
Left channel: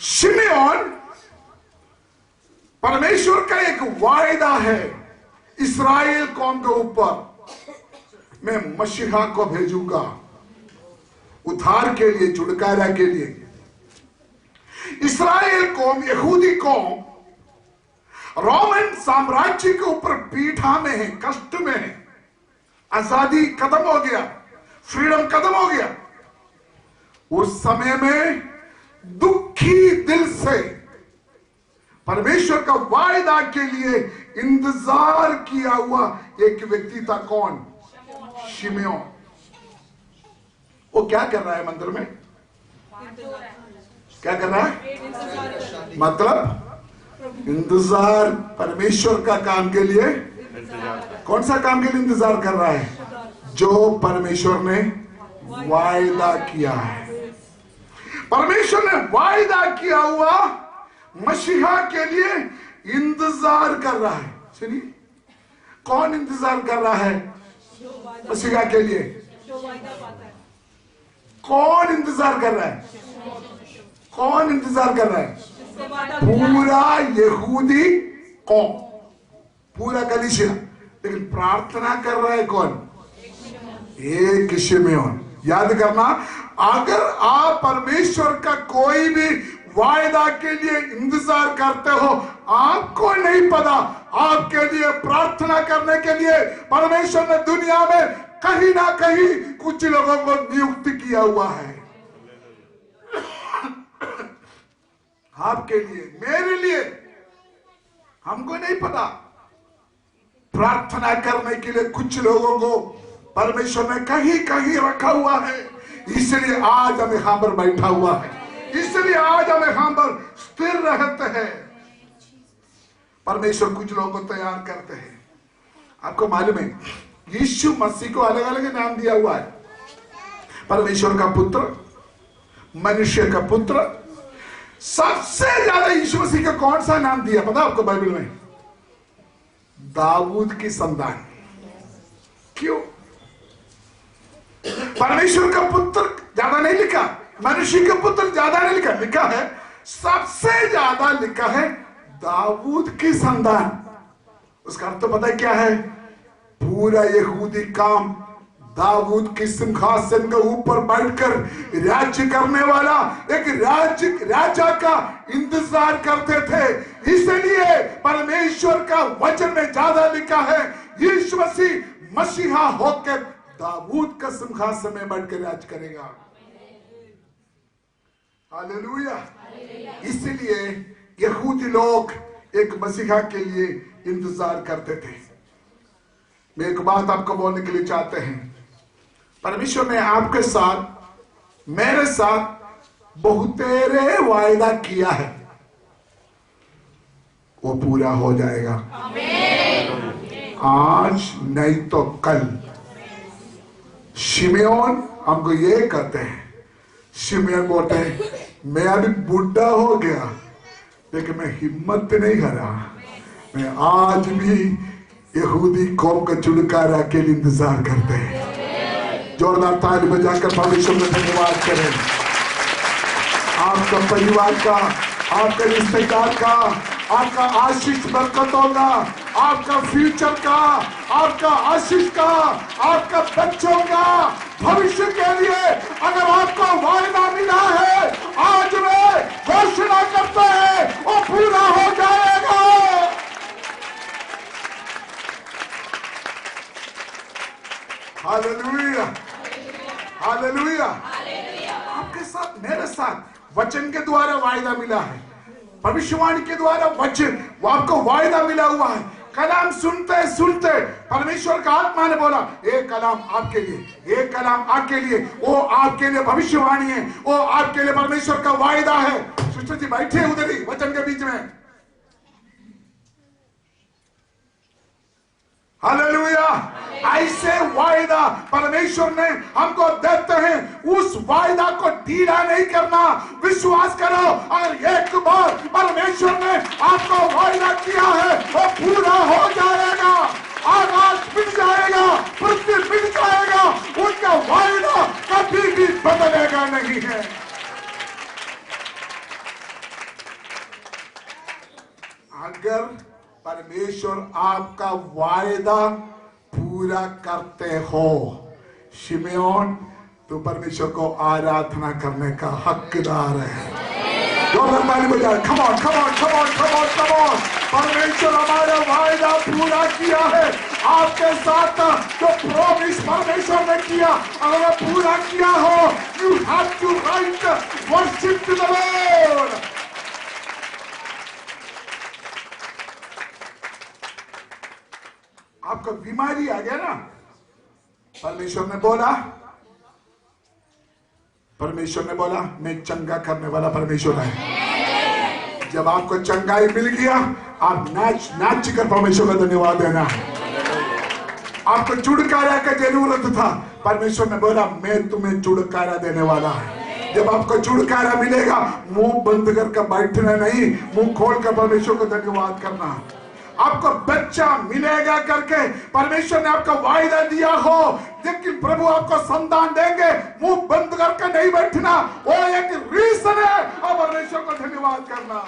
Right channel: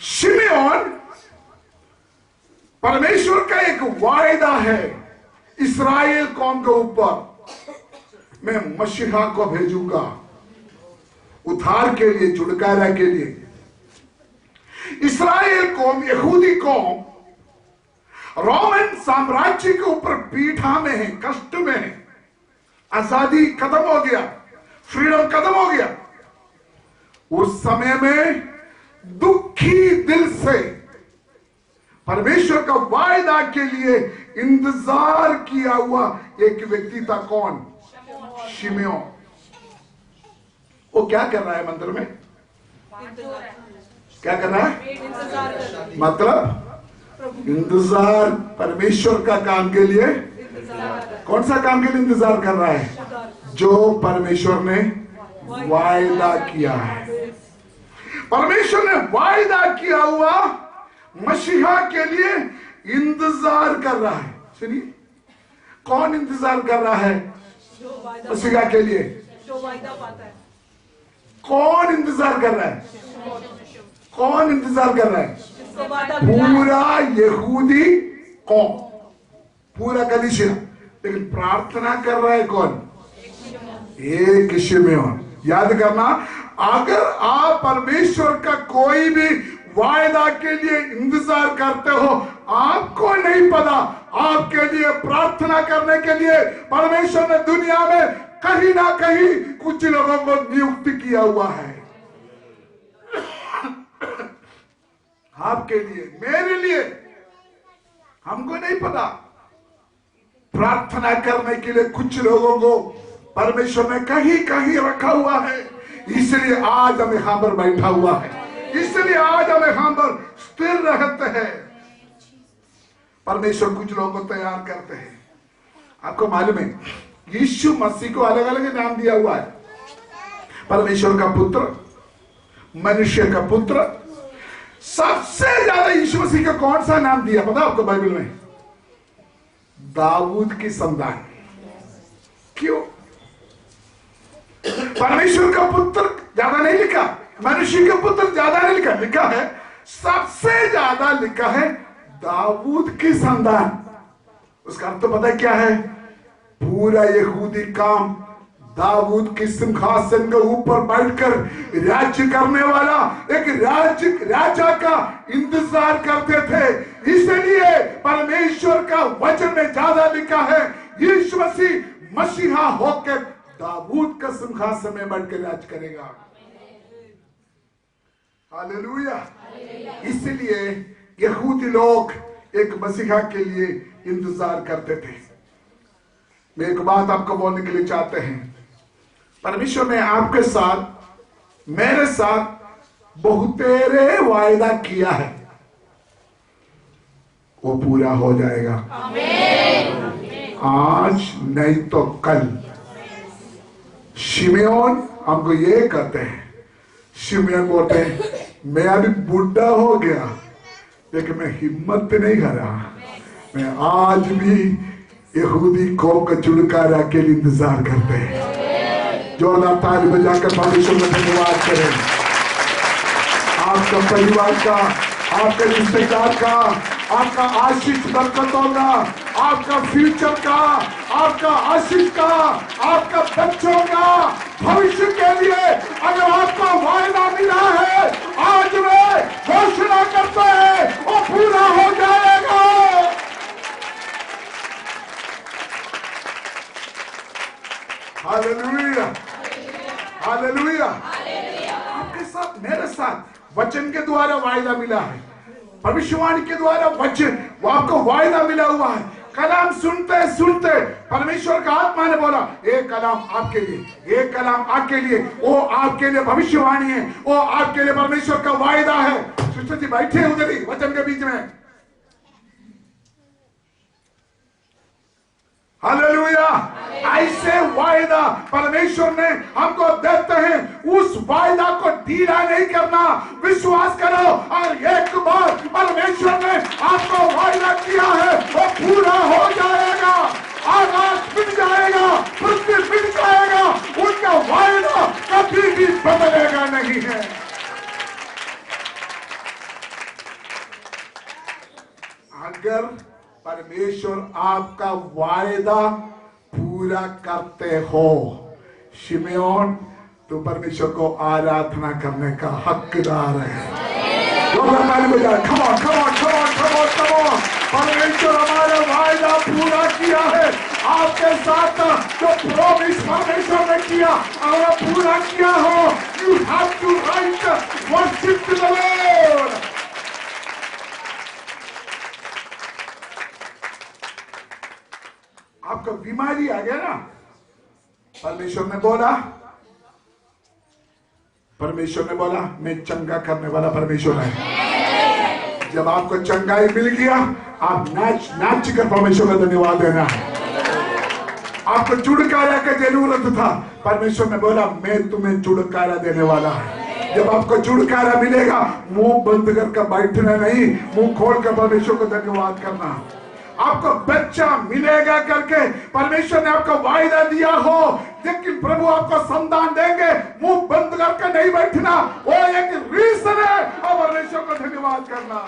शिमयोन परमेश्वर का एक वायदा है इस्राएल कौम के ऊपर, मैं मसीहा को भेजूंगा उद्धार के लिए, छुटकारा के लिए। इस्राएल कौम, यहूदी कौम रोमन साम्राज्य के ऊपर पीठा में है, कष्ट में है, आजादी खत्म हो गया, फ्रीडम खत्म हो गया। उस समय में दुखी दिल से परमेश्वर का वायदा के लिए इंतजार किया हुआ एक व्यक्ति था। कौन? शिमयोन। वो क्या कर रहा है मंदिर में? क्या कर रहा है? मतलब इंतजार परमेश्वर का काम के लिए। कौन सा काम के लिए इंतजार कर रहा है? जो परमेश्वर ने वायदा किया है। परमेश्वर ने वायदा किया हुआ मसीहा के लिए इंतजार कर रहा है। सुनिए, कौन इंतजार कर रहा है मसीहा के लिए? कौन इंतजार कर रहा है? कौन इंतजार कर रहा है? पूरा यहूदी कौम, पूरा कलीसिया। लेकिन प्रार्थना कर रहा है कौन? एक शिमयोन। याद करना, अगर आप परमेश्वर का कोई भी वायदा के लिए इंतजार करते हो, आपको नहीं पता आपके लिए प्रार्थना करने के लिए परमेश्वर ने दुनिया में कहीं ना कहीं कुछ लोगों को नियुक्त किया हुआ है। आपके लिए, मेरे लिए, हमको नहीं पता। प्रार्थना करने के लिए कुछ लोगों को परमेश्वर ने कहीं कहीं रखा हुआ है, इसलिए आज हमें यहां पर बैठा हुआ है, इसलिए आज हम यहां पर स्थिर रहते हैं। परमेश्वर कुछ लोगों को तैयार करते हैं। आपको मालूम है यीशु मसीह को अलग अलग नाम दिया हुआ है। परमेश्वर का पुत्र, मनुष्य का पुत्र। सबसे ज्यादा यीशु मसीह का कौन सा नाम दिया पता आपको बाइबल में? दाऊद की संतान। क्यों? परमेश्वर का पुत्र ज्यादा नहीं लिखा, मनुष्य का पुत्र ज्यादा नहीं लिखा, लिखा है सबसे ज्यादा लिखा है दाऊद की संतान। उसका अर्थ तो पता है क्या है? पूरा यहूदी काम दाऊद की सिंहासन के ऊपर बैठकर राज्य करने वाला एक राजा का इंतजार करते थे। इसलिए परमेश्वर का वचन में ज्यादा लिखा है यीशु मसीह मसीहा होकर दाऊद का सिंहासन में बैठकर राज करेगा। हालेलुया। इसलिए यहूदी लोग एक मसीहा के लिए इंतजार करते थे। मैं एक बात आपको बोलने के लिए चाहते हैं, परमेश्वर ने आपके साथ मेरे साथ बहुतेरे वायदा किया है, वो पूरा हो जाएगा। आज नहीं तो कल। शिमयोन हमको ये कहते हैं, शिमयोन बोलते हैं मैं अभी बुढ़ा हो गया लेकिन मैं हिम्मत नहीं हारा, मैं आज भी यहूदी कौम का छुटकारा के लिए इंतजार करते हैं। जोरदार ताली बजाकर परमेश्वर में धन्यवाद करें। आपका परिवार का, आपके रिश्तेदार का, आपका आशीष बरकतों का, आपका फ्यूचर का, आपका आशीष का, आपका बच्चों का भविष्य के लिए अगर आपको वायदा मिला है, आज वे घोषणा करते हैं वो पूरा हो जाएगा। Hallelujah, hallelujah. आपके साथ मेरे साथ वचन के द्वारा वायदा मिला है, भविष्यवाणी के द्वारा वचन वो आपको वायदा मिला हुआ है। कलाम सुनते सुनते परमेश्वर का आत्मा ने बोला एक कलाम आपके लिए, एक कलाम आपके लिए, वो आपके लिए भविष्यवाणी है, वो आपके लिए परमेश्वर का वायदा है। सिस्टर जी बैठे उधर ही वचन के बीच में। हालेलुया। ऐसे वायदा परमेश्वर ने हमको देते हैं, उस वायदा को ढीला नहीं करना, विश्वास करो। और एक बार परमेश्वर ने आपको वायदा किया है वो पूरा हो जाएगा। आकाश मिट जाएगा, पृथ्वी मिट जाएगा, उनका वायदा कभी भी बदलेगा नहीं है। अगर परमेश्वर आपका वायदा पूरा करते हो शिमयोन, तो परमेश्वर को आराधना करने का हकदार है। come on, come on, come on, come on, come on। परमेश्वर हमारा वायदा पूरा किया है। आपके साथ जो प्रॉमिस परमेश्वर ने किया अगर पूरा किया हो, you have to write worship to the lord. आपको बीमारी आ गया ना, परमेश्वर ने बोला मैं चंगा करने वाला परमेश्वर है। जब आपको चंगाई मिल गया, आप नाच कर परमेश्वर का धन्यवाद देना है। आपको छुटकारा का जरूरत था, परमेश्वर ने बोला मैं तुम्हें छुटकारा देने वाला है। जब आपको छुटकारा मिलेगा, मुंह बंद करके बैठना नहीं, मुंह खोल कर परमेश्वर को धन्यवाद करना। आपको बच्चा मिलेगा करके परमेश्वर ने आपको वायदा दिया हो, लेकिन प्रभु आपको संतान देंगे, मुंह बंद करके नहीं बैठना, वो एक रीजन है और परमेश्वर को धन्यवाद करना।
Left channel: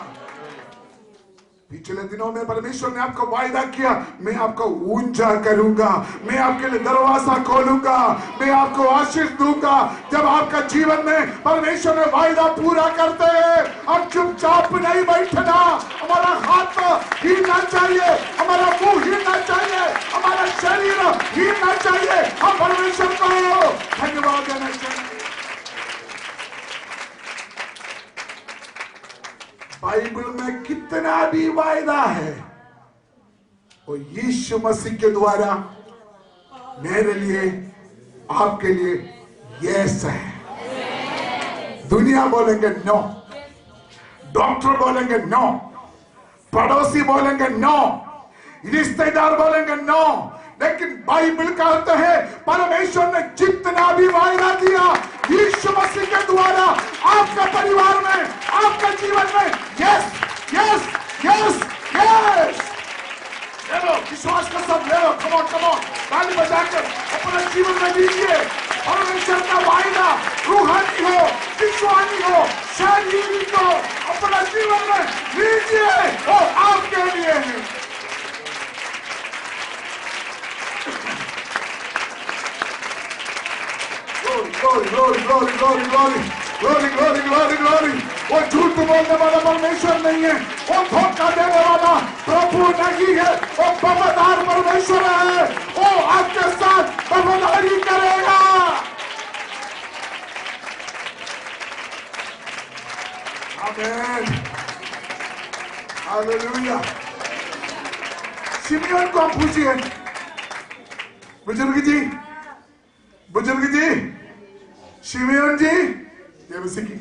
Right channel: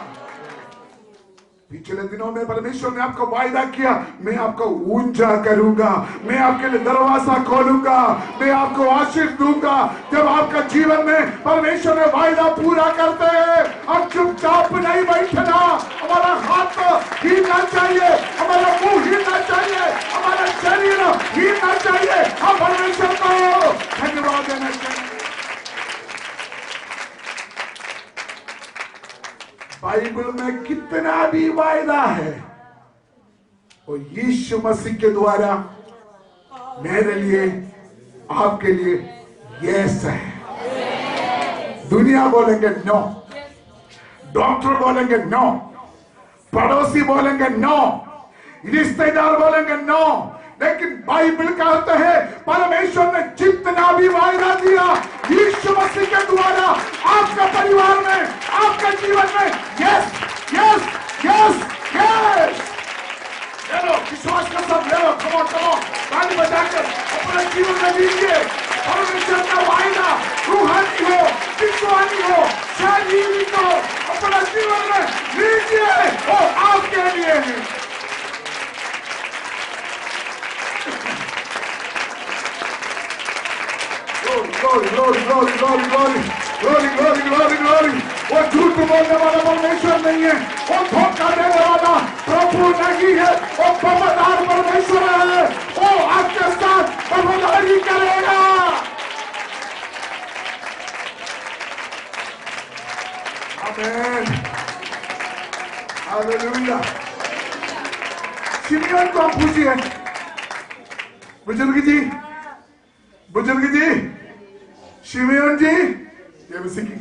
पिछले दिनों में परमेश्वर ने आपको वायदा किया मैं आपको ऊंचा करूंगा, मैं आपके लिए दरवाजा खोलूंगा, मैं आपको आशीष दूंगा। जब आपका जीवन में परमेश्वर ने वायदा पूरा करते हैं और चुपचाप नहीं बैठना, हमारा हाथ हिलना चाहिए, हमारा मुंह हिलना चाहिए, हमारा शरीर हिलना चाहिए, हम परमेश्वर को धन्यवाद देना चाहिए। बाइबल में कितना भी वायदा है वो यीशु मसीह के द्वारा मेरे लिए आपके लिए यस है। दुनिया बोलेंगे नो, डॉक्टर बोलेंगे नो, पड़ोसी बोलेंगे नो, रिश्तेदार बोलेंगे नो, लेकिन बाइबल कहता है परमेश्वर ने जितना भी वायदा दिया यीशु यीशु मसीह के द्वारा आपका परिवार में, आपका जीवन में यस यस यस यस। ले लो, विश्वास का सब ले लो। कम ऑन ताली बजाकर अपने जीवन में लीजिए। परमेश्वर का वायदा रूहानी हो, विश्वानी हो, शारीरिक हो, अपना जीवन में लीजिए और आपके लिए है। Glory, glory, glory, glory, glory, glory, glory, glory, glory. वो झूठ बोलने वाला परमेश्वर नहीं है, वो धोखा देने वाला प्रभु नहीं है, वो वफादार परमेश्वर है। वो आपके साथ वफादारी करेगा। आमीन, हालेलुया। शिमयोन को आप पूछिए, बुजुर्ग जी, शिमयोन जी, ये मसीह की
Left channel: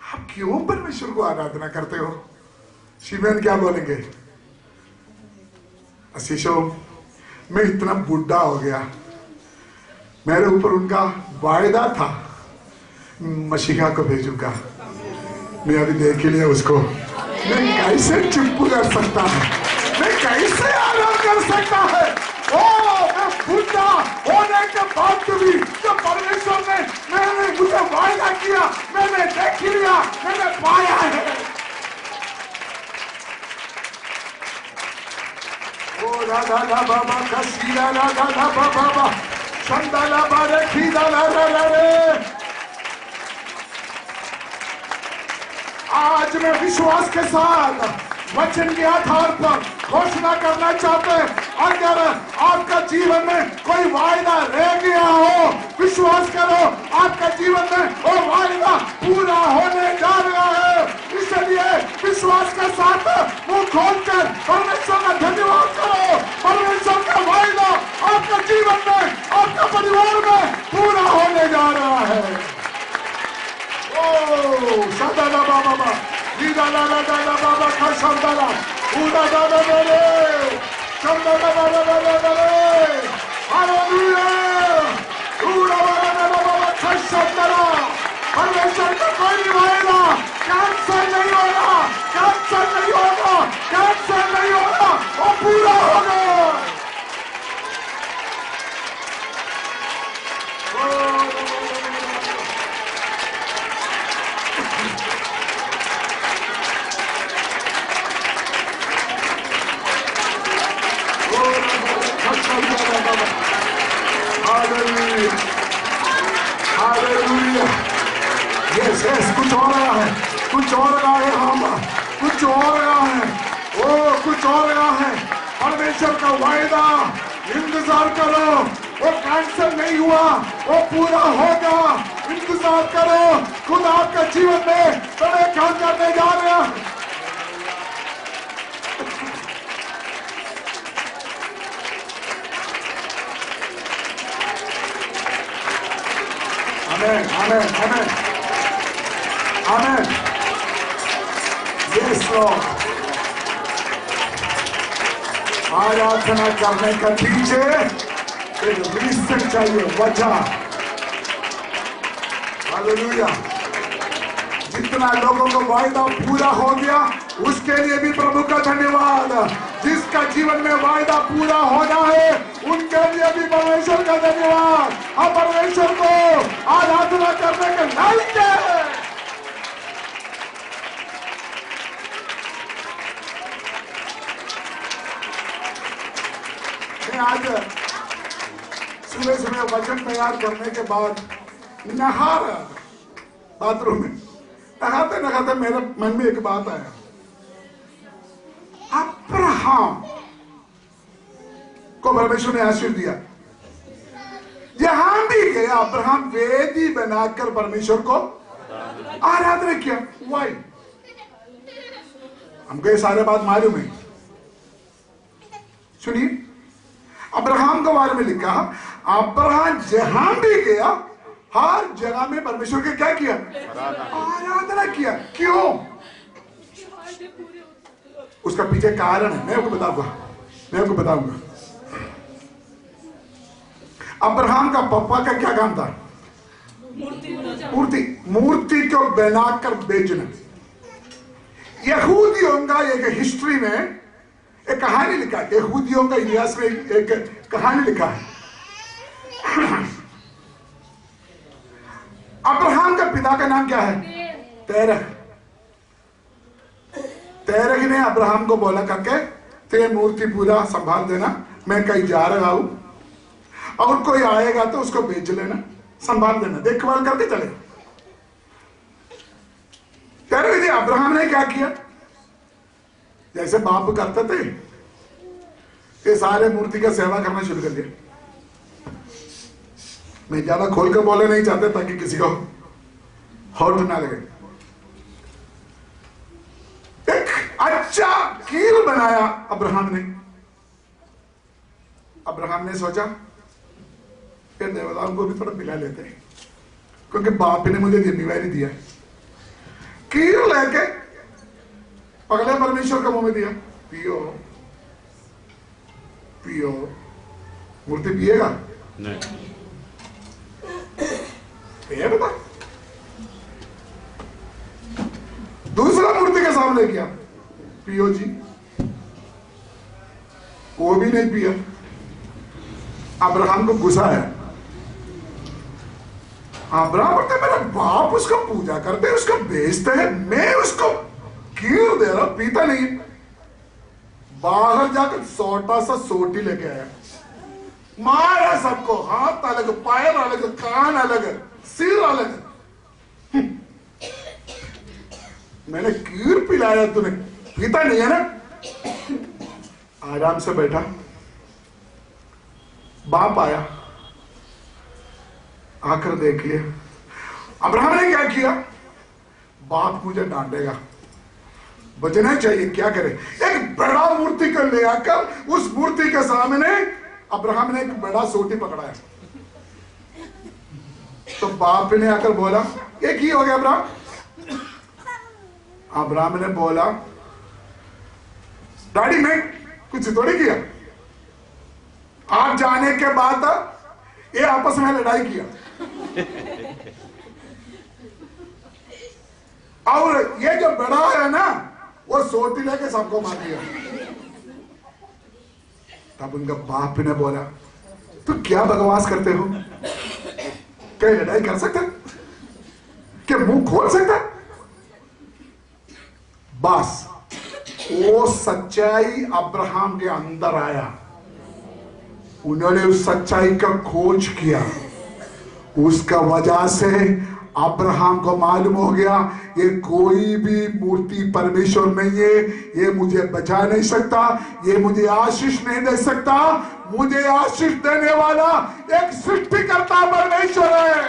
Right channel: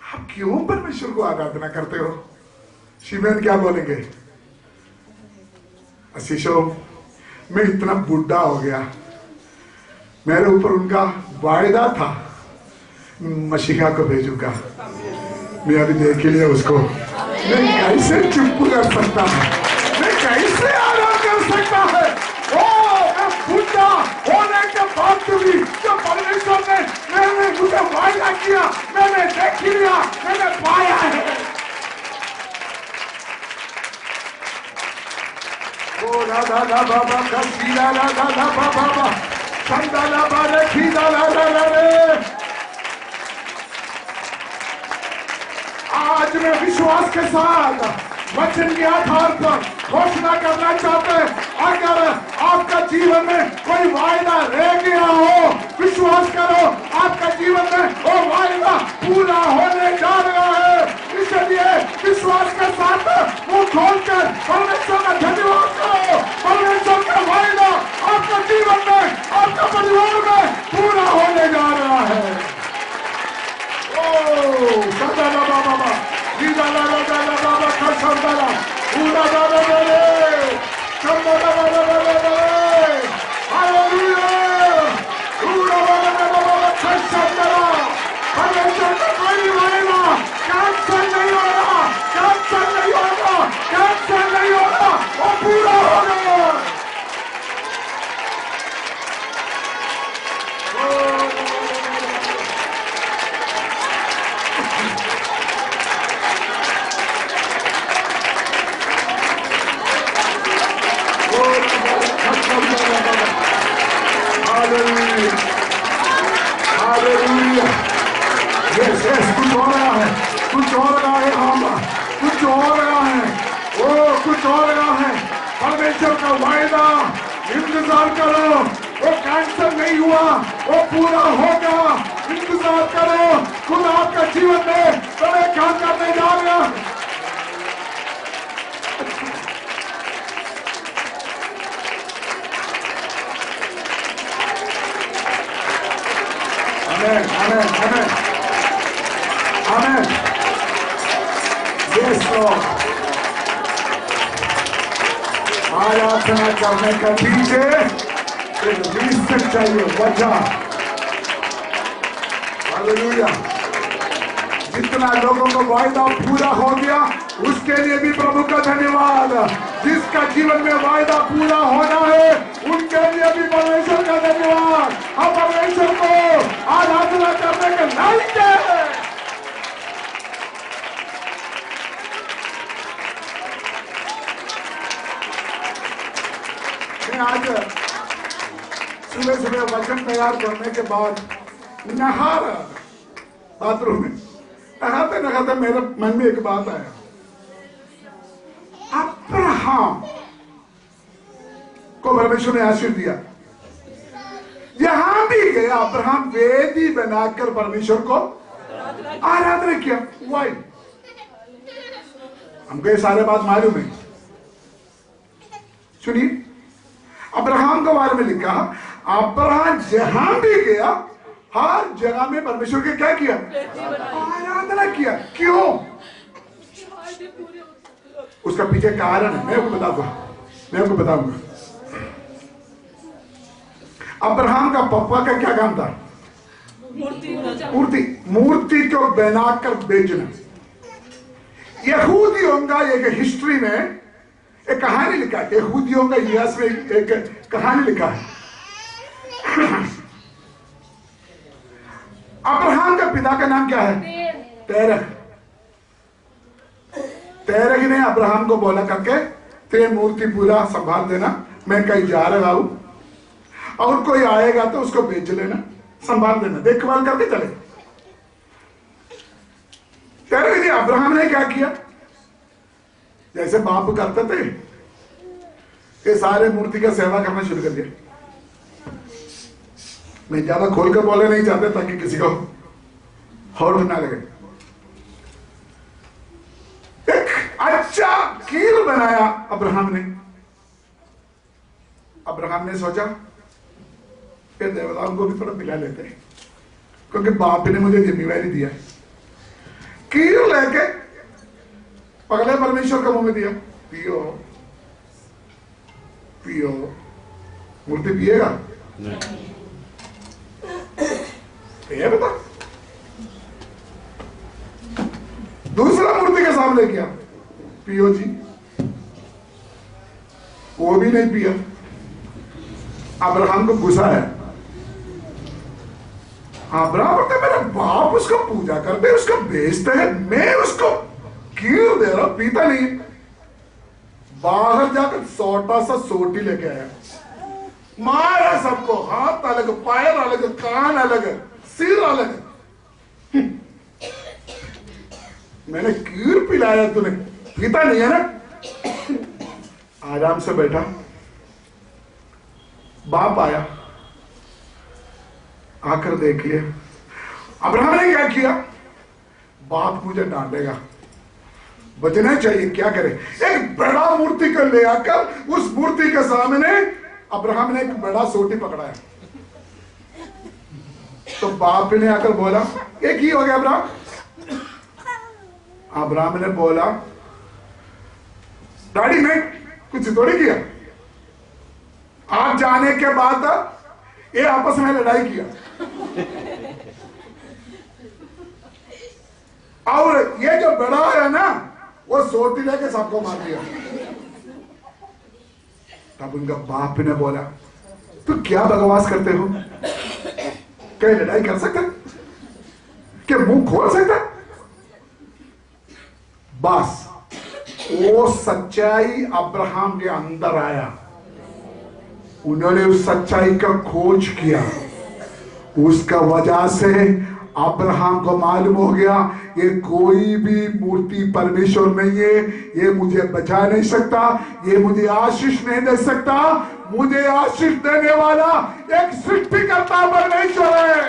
आप क्यों परमेश्वर को आराधना करते हो? शिमयोन क्या बोलेंगे? आशीषो, मैं इतना बुढ़ा हो गया, मेरे ऊपर उनका वायदा था मसीहा को भेजूंगा, मैं अभी देख लिया उसको, मैं कैसे चुप कर सकता हूं, मैं कैसे आराम कर सकता है? बुढ़ा होने के बाद भी जो परमेश्वर ने मैंने मुझे वायदा किया, मैंने देख लिया, मैंने पाया है। ओ राधा ला बाबा का सीधा राधा ला बाबा संदाला बारे सीधा ला रे। आज मैं विश्वास के साथ वचन के आधार पर घोषणा करना चाहते हैं, अगर आपका जीवन में कोई वायदा रह गया हो, विश्वास करो आपका जीवन में वो वायदा पूरा होने जा रहा है। इसलिए विश्वास के साथ मुंह खोलकर परमेश्वर का धन्यवाद करो। परमेश्वर का वायदा आपका जीवन में, आपका परिवार में पूरा होने जा रहा है। ओ सदा बाबा बाबा का संदाला पूरा परमेश्वर का कोई वायदा कैंसल नहीं होगा, कैंसल नहीं होगा, कैंसल नहीं होगा, वो पूरा होगा। कुछ हो रहा है, कुछ हो रहा है, हम कुछ हो रहा है, वो कुछ हो रहा है। परमेश्वर का वायदा इंतजार करो, वो कैंसल नहीं हुआ, वो पूरा होगा। इंतजार करो, खुद आपका जीवन में तुम्हें क्या करने जा रहा है। आमेन, आमेन, आमेन, आमेन। Yes Lord. आराधना करने का पीछे एक रीजन चाहिए, वजह। हालेलुया। जितना लोगों को वायदा पूरा हो गया उसके लिए भी प्रभु का धन्यवाद। जिसका जीवन में वायदा पूरा होना है उनके लिए भी परमेश्वर का धन्यवाद। हम परमेश्वर को आराधना करने के लायक है। आज सुबह सुबह वचन तैयार करने के बाद नहा रहा बाथरूम में, नहाते नहाते मेरे मन में एक बात आया। अब्राहम को परमेश्वर ने आशीर्वाद दिया, जहां भी गया अब्राहम वेदी बनाकर परमेश्वर को आराधना किया। वाई हमको ये सारे बात मालूम है। सुनिए, अब्राहम के बारे में लिखा, अब्राहम जहां भी गया हर जगह में परमेश्वर के क्या किया? आराधना किया। क्यों? उसका पीछे कारण है, मैं आपको बताऊंगा। अब्राहम का पापा का क्या काम था? मूर्ति को बनाकर बेचना। यहूदियों का एक हिस्ट्री में एक कहानी लिखा है, यहूदियों का इतिहास में एक कहानी लिखा है। अब्राहम का पिता का नाम क्या है? तेरह। तेरह ने अब्राहम को बोला करके तेरे मूर्ति पूरा संभाल देना, मैं कहीं जा रहा हूं और कोई आएगा तो उसको बेच लेना, संभाल देना, देखभाल करके चले। तेरह ने अब्राहम ने क्या किया? जैसे बाप करते थे, ये सारे मूर्ति का सेवा करना शुरू कर दिया। मैं ज्यादा खोल कर बोले नहीं चाहते ताकि किसी को हॉट ना लगे। एक अच्छा कील बनाया अब्राहम ने। अब्राहम ने सोचा फिर देवताओं को भी थोड़ा मिला लेते हैं, क्योंकि बाप ने मुझे जिम्मेवारी दिया है। कील लेके पगले परमेश्वर का मुंह में दिया, पियो पियो। मूर्ति पिएगा नहीं, बता। दूसरा मूर्ति के सामने किया, पियो जी, वो भी नहीं पिया। अब्राहम को गुस्सा है। अब्राहम बोलते मेरा बाप उसको पूजा करते, उसको बेचते हैं, मैं उसको क्यों दे रहा, पीता नहीं। बाहर जाकर छोटा सा सोटी लेके आया, मारा सबको, हाथ अलग, पैर अलग, कान अलग, सिर अलग। मैंने कीर पिलाया, तूने पीता नहीं है ना। आराम से बैठा, बाप आया, आकर देख लिया। अब्राहम ने क्या किया? बाप मुझे डांटेगा, बचना चाहिए, क्या करे? एक बड़ा मूर्ति को ले आकर उस मूर्ति के सामने अब्राहम ने एक बड़ा सोटी पकड़ाया। तो बाप ने आकर बोला, ये की हो गया अब्राहम? अब्राहम ने बोला, डैडी मैं कुछ थोड़ी किया, आप जाने के बाद ये आपस में लड़ाई किया और ये जो बड़ा है ना वो सोटी लेके सबको मार दिया। तब उनका बाप ने बोला, तू क्या बकवास करते हो? क्या लड़ाई कर सकता? क्या मुंह खोल सकता? बस वो सच्चाई अब्राहम के अंदर आया, उन्होंने उस सच्चाई का खोज किया। उसका वजह से अब्राहम को मालूम हो गया ये कोई भी मूर्ति परमेश्वर नहीं है, ये मुझे बचा नहीं सकता, ये मुझे आशीष नहीं दे सकता। मुझे आशीष देने वाला एक सृष्टिकर्ता परमेश्वर है।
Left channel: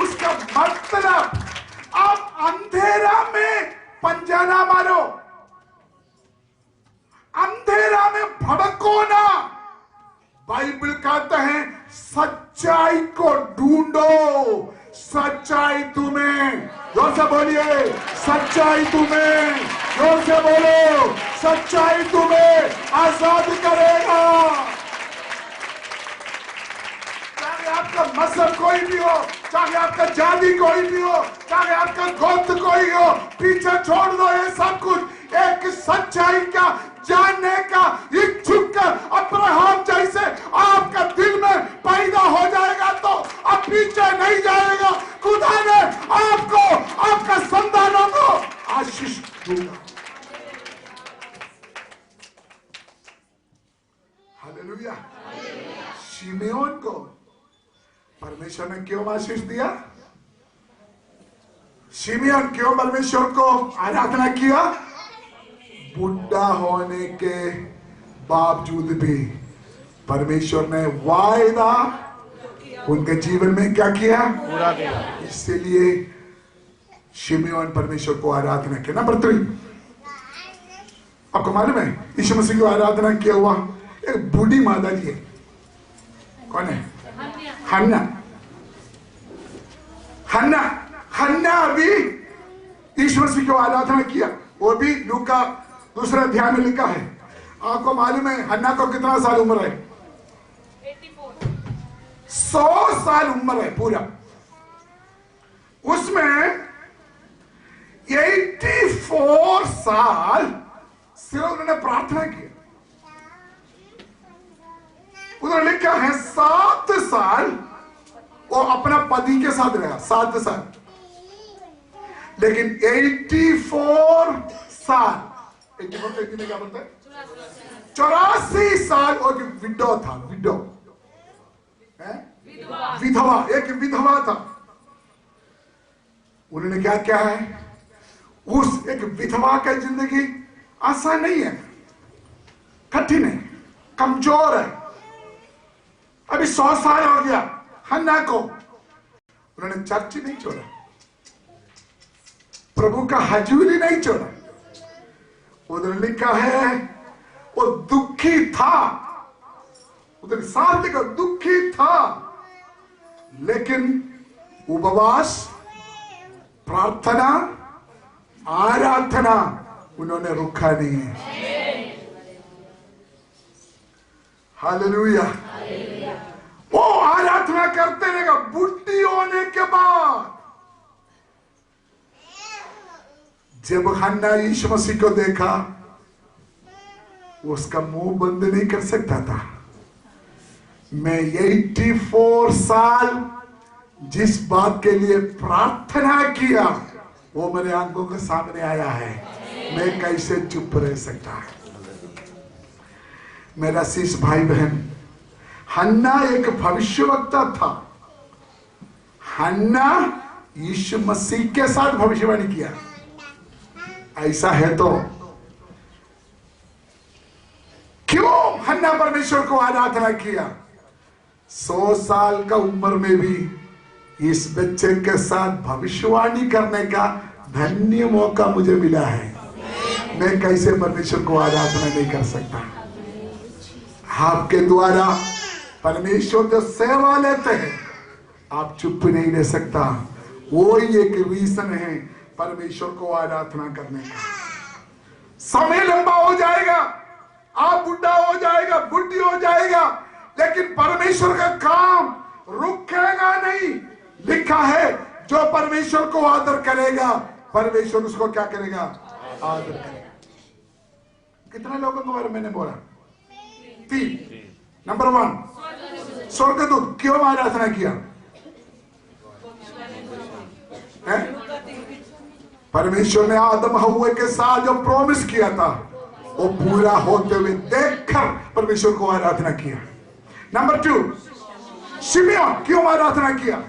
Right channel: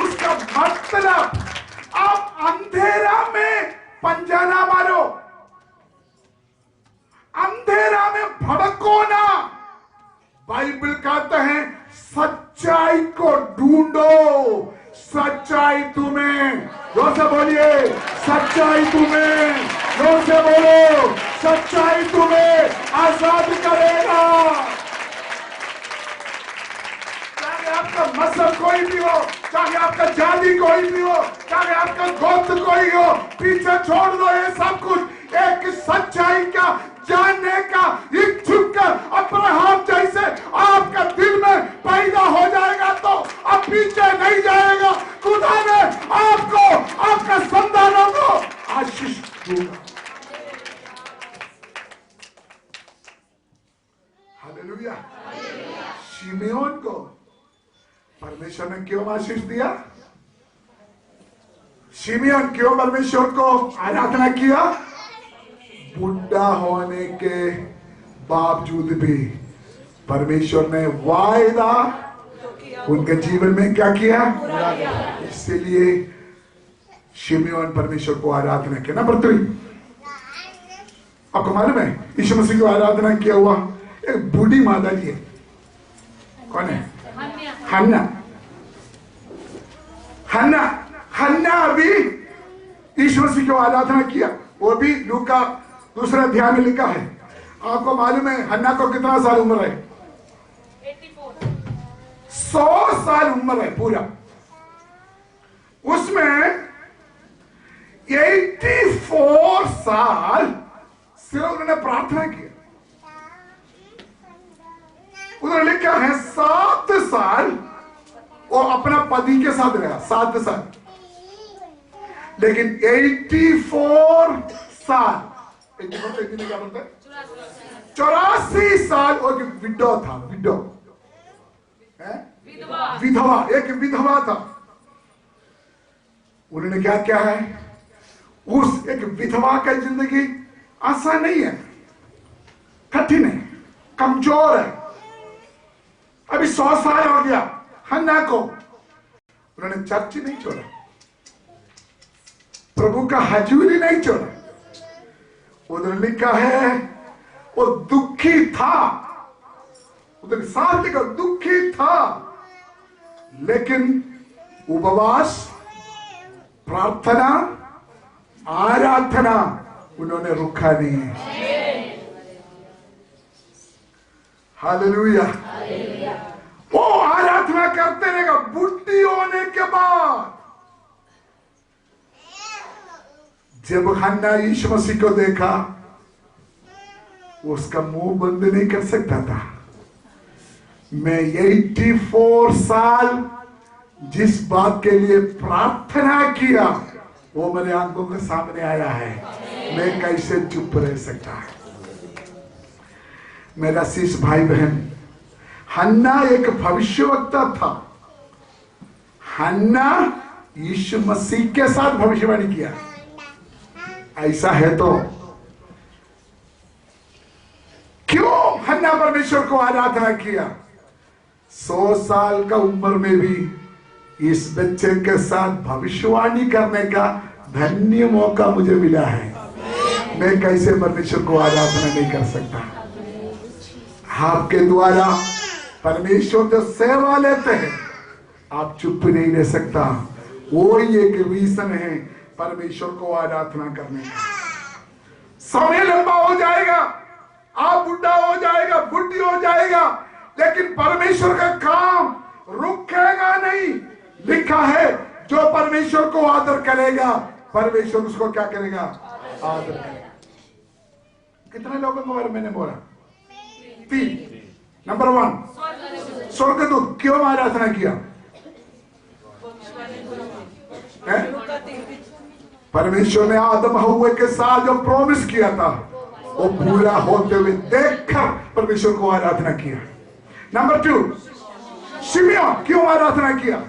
उसका मतलब आप अंधेरा में पंजा ना मारो, अंधेरा में भड़को ना। बाइबल कहता है सच्चाई को ढूंढो, सच्चाई तुम्हें, जोर से बोलिए, सच्चाई तुम्हें, जोर से बोलो, सच्चाई तुम्हें आजाद करेगा। चाहे आपका मजहब कोई भी हो, चाहे आपका जाति कोई भी हो, चाहे आपका गोत्र कोई हो, पीछे छोड़ दो ये सब कुछ। एक सच्चाई का जानने का इच्छुक अब्राहम जैसे आपका दिल में पैदा हो जाएगा तो अब पीछे नहीं जाएगा। खुदा ने आपको, आपका संतानों को आशीष दूंगा। हालेलुया। शिमयोन को परमेश्वर ने क्यों आशीष दिया? शिमयोन क्यों परमेश्वर को आराधना किया? बुढ़ा होने के बावजूद भी परमेश्वर ने वायदा उनके जीवन में क्या किया? इसलिए शिमयोन परमेश्वर को आराधना किया। नंबर 3, आपको मालूम है यीशु मसीह को आराधना किया हुआ एक बूढ़ी माता जी है। कौन है? हन्ना। हन्ना, हन्ना अभी यीशु मसीह को आराधना किया। वो भी लूका 2 अध्याय में लिखा है। आपको मालूम है हन्ना को कितना साल उम्र है? 100 साल उम्र है पूरा। उसमें 84 साल सिर्फ उन्होंने प्रार्थना की। उन्होंने लिखा है 7 साल वो अपना पति के साथ रहा, 7 साल। लेकिन 84 साल, 84 में क्या बोलते हैं? 84 साल और विडो था, विडो विधवा, एक विधवा था। उन्होंने क्या क्या है? उस एक विधवा का जिंदगी आसान नहीं है, कठिन है, कमजोर है। अभी 100 साल हो गया हन्ना को। उन्होंने चर्च नहीं छोड़ा, प्रभु का हजूरी नहीं छोड़ा। उन्होंने लिखा है वो दुखी था, उधर साथ लिखा दुखी था, लेकिन उपवास, प्रार्थना, आराधना उन्होंने रुका नहीं है। हालेलुया। वो आराधना करते रहेगा बुढ़ी होने के बाद। जब हन्ना यीशु मसीह को देखा, वो उसका मुंह बंद नहीं कर सकता था। मैं 84 साल जिस बात के लिए प्रार्थना किया वो मेरे आंखों के सामने आया है। मैं कैसे चुप रह सकता? मेरा शिष्य भाई बहन, हन्ना एक भविष्यवक्ता था। हन्ना यीशु मसीह के साथ भविष्यवाणी किया। ऐसा है तो क्यों हन्ना परमेश्वर को आराधना किया? 100 साल का उम्र में भी इस बच्चे के साथ भविष्यवाणी करने का धन्य मौका मुझे मिला है। मैं कैसे परमेश्वर को आराधना नहीं कर सकता? आपके द्वारा परमेश्वर जो सेवा लेते हैं, आप चुप नहीं रह सकता। वो एक रीजन है परमेश्वर को आराधना करने का। समय लंबा हो जाएगा, आप बुढ़ा हो जाएगा, बुढ़ी हो जाएगा, लेकिन परमेश्वर का काम रुकेगा नहीं। लिखा है जो परमेश्वर को आदर करेगा, परमेश्वर उसको क्या करेगा? आदर करेगा। कितने लोगों के बारे में मैंने बोला? 3। नंबर 1, स्वर्गदूत। क्यों आराधना किया? परमेश्वर ने आदम हव्वा के साथ जो प्रॉमिस किया था वो पूरा होते हुए देखकर परमेश्वर को आराधना किया। नंबर 2, शिमयोन। क्यों आराधना किया?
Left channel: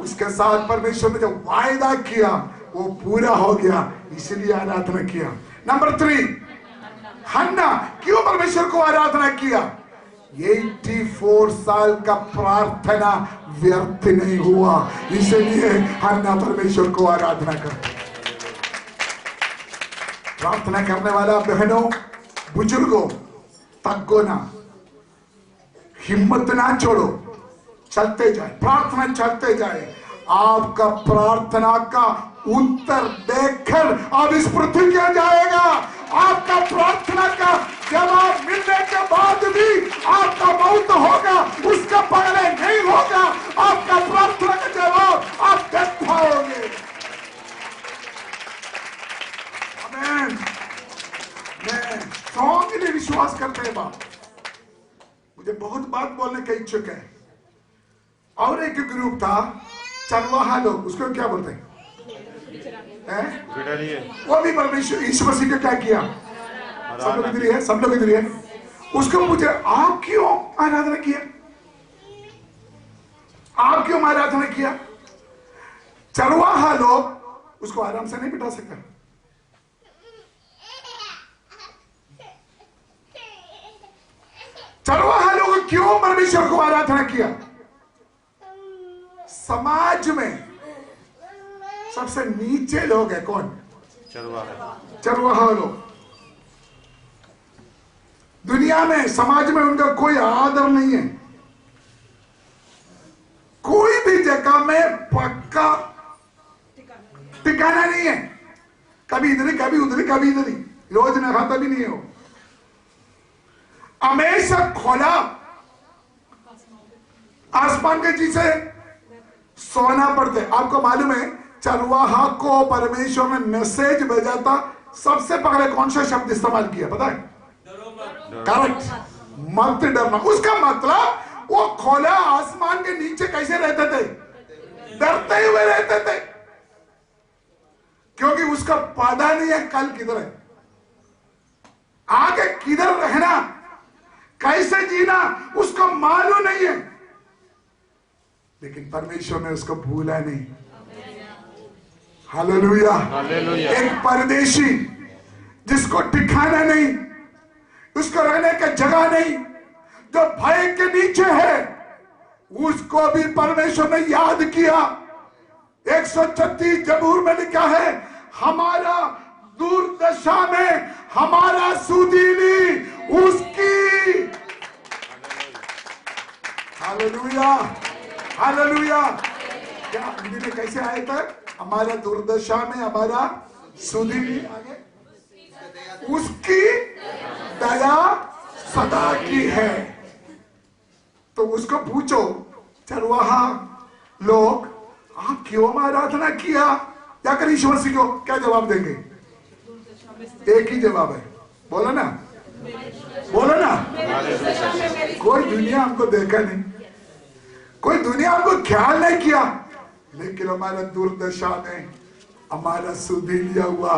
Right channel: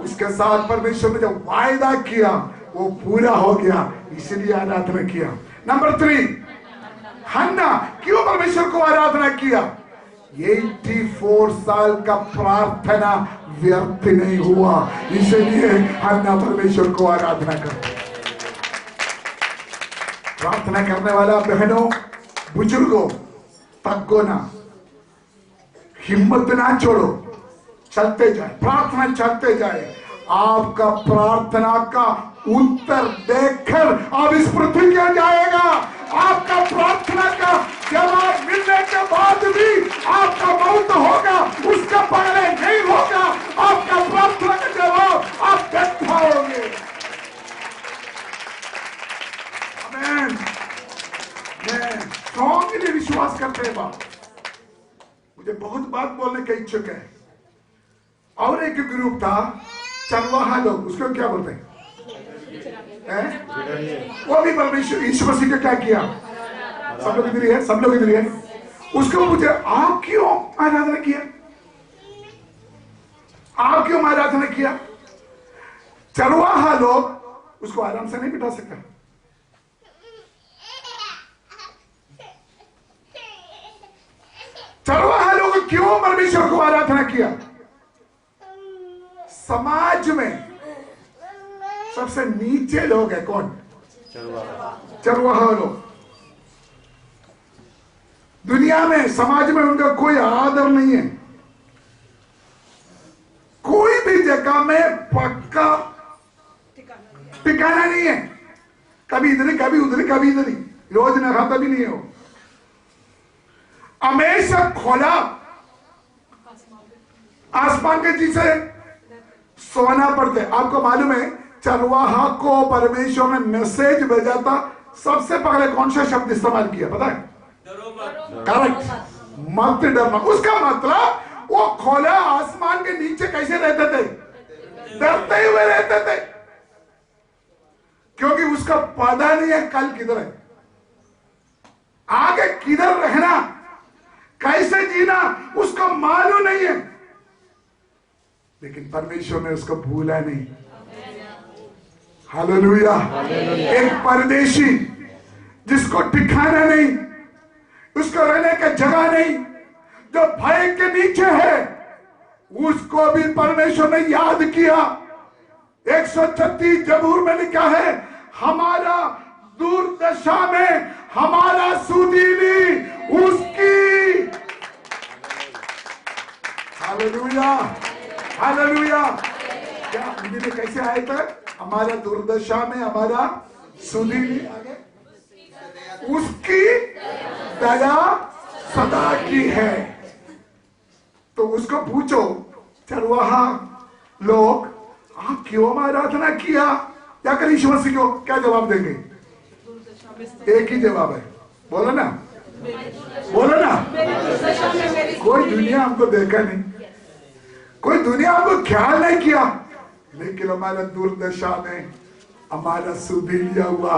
उसके साथ परमेश्वर ने जो वायदा किया वो पूरा हो गया, इसलिए आराधना किया। नंबर 3, हन्ना। क्यों परमेश्वर को आराधना किया? 84 साल का प्रार्थना व्यर्थ नहीं हुआ, इसलिए हन्ना परमेश्वर को आराधना करते। प्रार्थना करने वाला बहनों, बुजुर्गों, तग्गो ना, हिम्मत ना छोड़ो, चलते जाए, प्रार्थना चलते जाए। आपका प्रार्थना का उत्तर देखकर अब इस पृथ्वी क्या जाएगा। आपका प्रार्थना का जवाब मिलने के बाद भी आपका मौत होगा, उसका पहले नहीं होगा। आपका प्रार्थना का जवाब आप देख पाओगे। आमीन। मैं स्ट्रांगली विश्वास करते हैं बात। मुझे बहुत बात बोलने का इच्छुक है। और एक ग्रुप था चरवाहा लोग, उसको क्या बोलते हैं? वो भी परमेश्वर यीशु मसीह का क्या किया? सब लोग इधर ही है, सब लोग इधर ही है। उसको मुझे आप क्यों आराधना किया? आप क्यों आराधना किया? चरवाहा लोग उसको आराम से नहीं बिठा सकते। चरवाहा लोग क्यों परमेश्वर को आराधना किया? समाज में सबसे नीचे लोग है कौन? चरवाहा लोग। दुनिया में, समाज में उनका कोई आदर नहीं है। कोई भी जगह में पक्का ठिकाना नहीं है। कभी इधर, कभी उधर, कभी इधर ही, रोज न खाता भी नहीं है वो। हमेशा खोला आसमान के चीज से सोना पड़ते। आपको मालूम है चरवाहा को परमेश्वर ने मैसेज भेजा था, सबसे पहले कौन सा शब्द इस्तेमाल किया पता है? करेक्ट, मत डरना। उसका मतलब वो खोला आसमान के नीचे कैसे रहते थे? डरते हुए रहते थे, क्योंकि उसका पता नहीं है कल किधर है, आगे किधर रहना, कैसे जीना उसको मालूम नहीं है। लेकिन परमेश्वर ने उसको भूला नहीं। हालेलुया। एक परदेशी जिसको ठिकाना नहीं, उसको रहने का जगह नहीं, जो भय के नीचे है, उसको भी परमेश्वर ने याद किया। 136 जबूर में लिखा है, हमारा दुर्दशा में हमारा सुदीनी उसकी। Hallelujah, hallelujah. क्या हिंदी में कैसे आए थे? हमारा दुर्दशा में हमारा सुदीनी, आगे उसकी दया सदा की है। तो उसको पूछो चरवाहा लोग, आप क्यों आराधना किया? जाकर यीशु मसीह को क्या जवाब देंगे? एक ही जवाब है, बोलो ना, बोलो ना। कोई दुनिया हमको देखा नहीं, कोई दुनिया हमको ख्याल नहीं किया, लेकिन हमारा दुर्दशा में हमारा सुधीलिया हुआ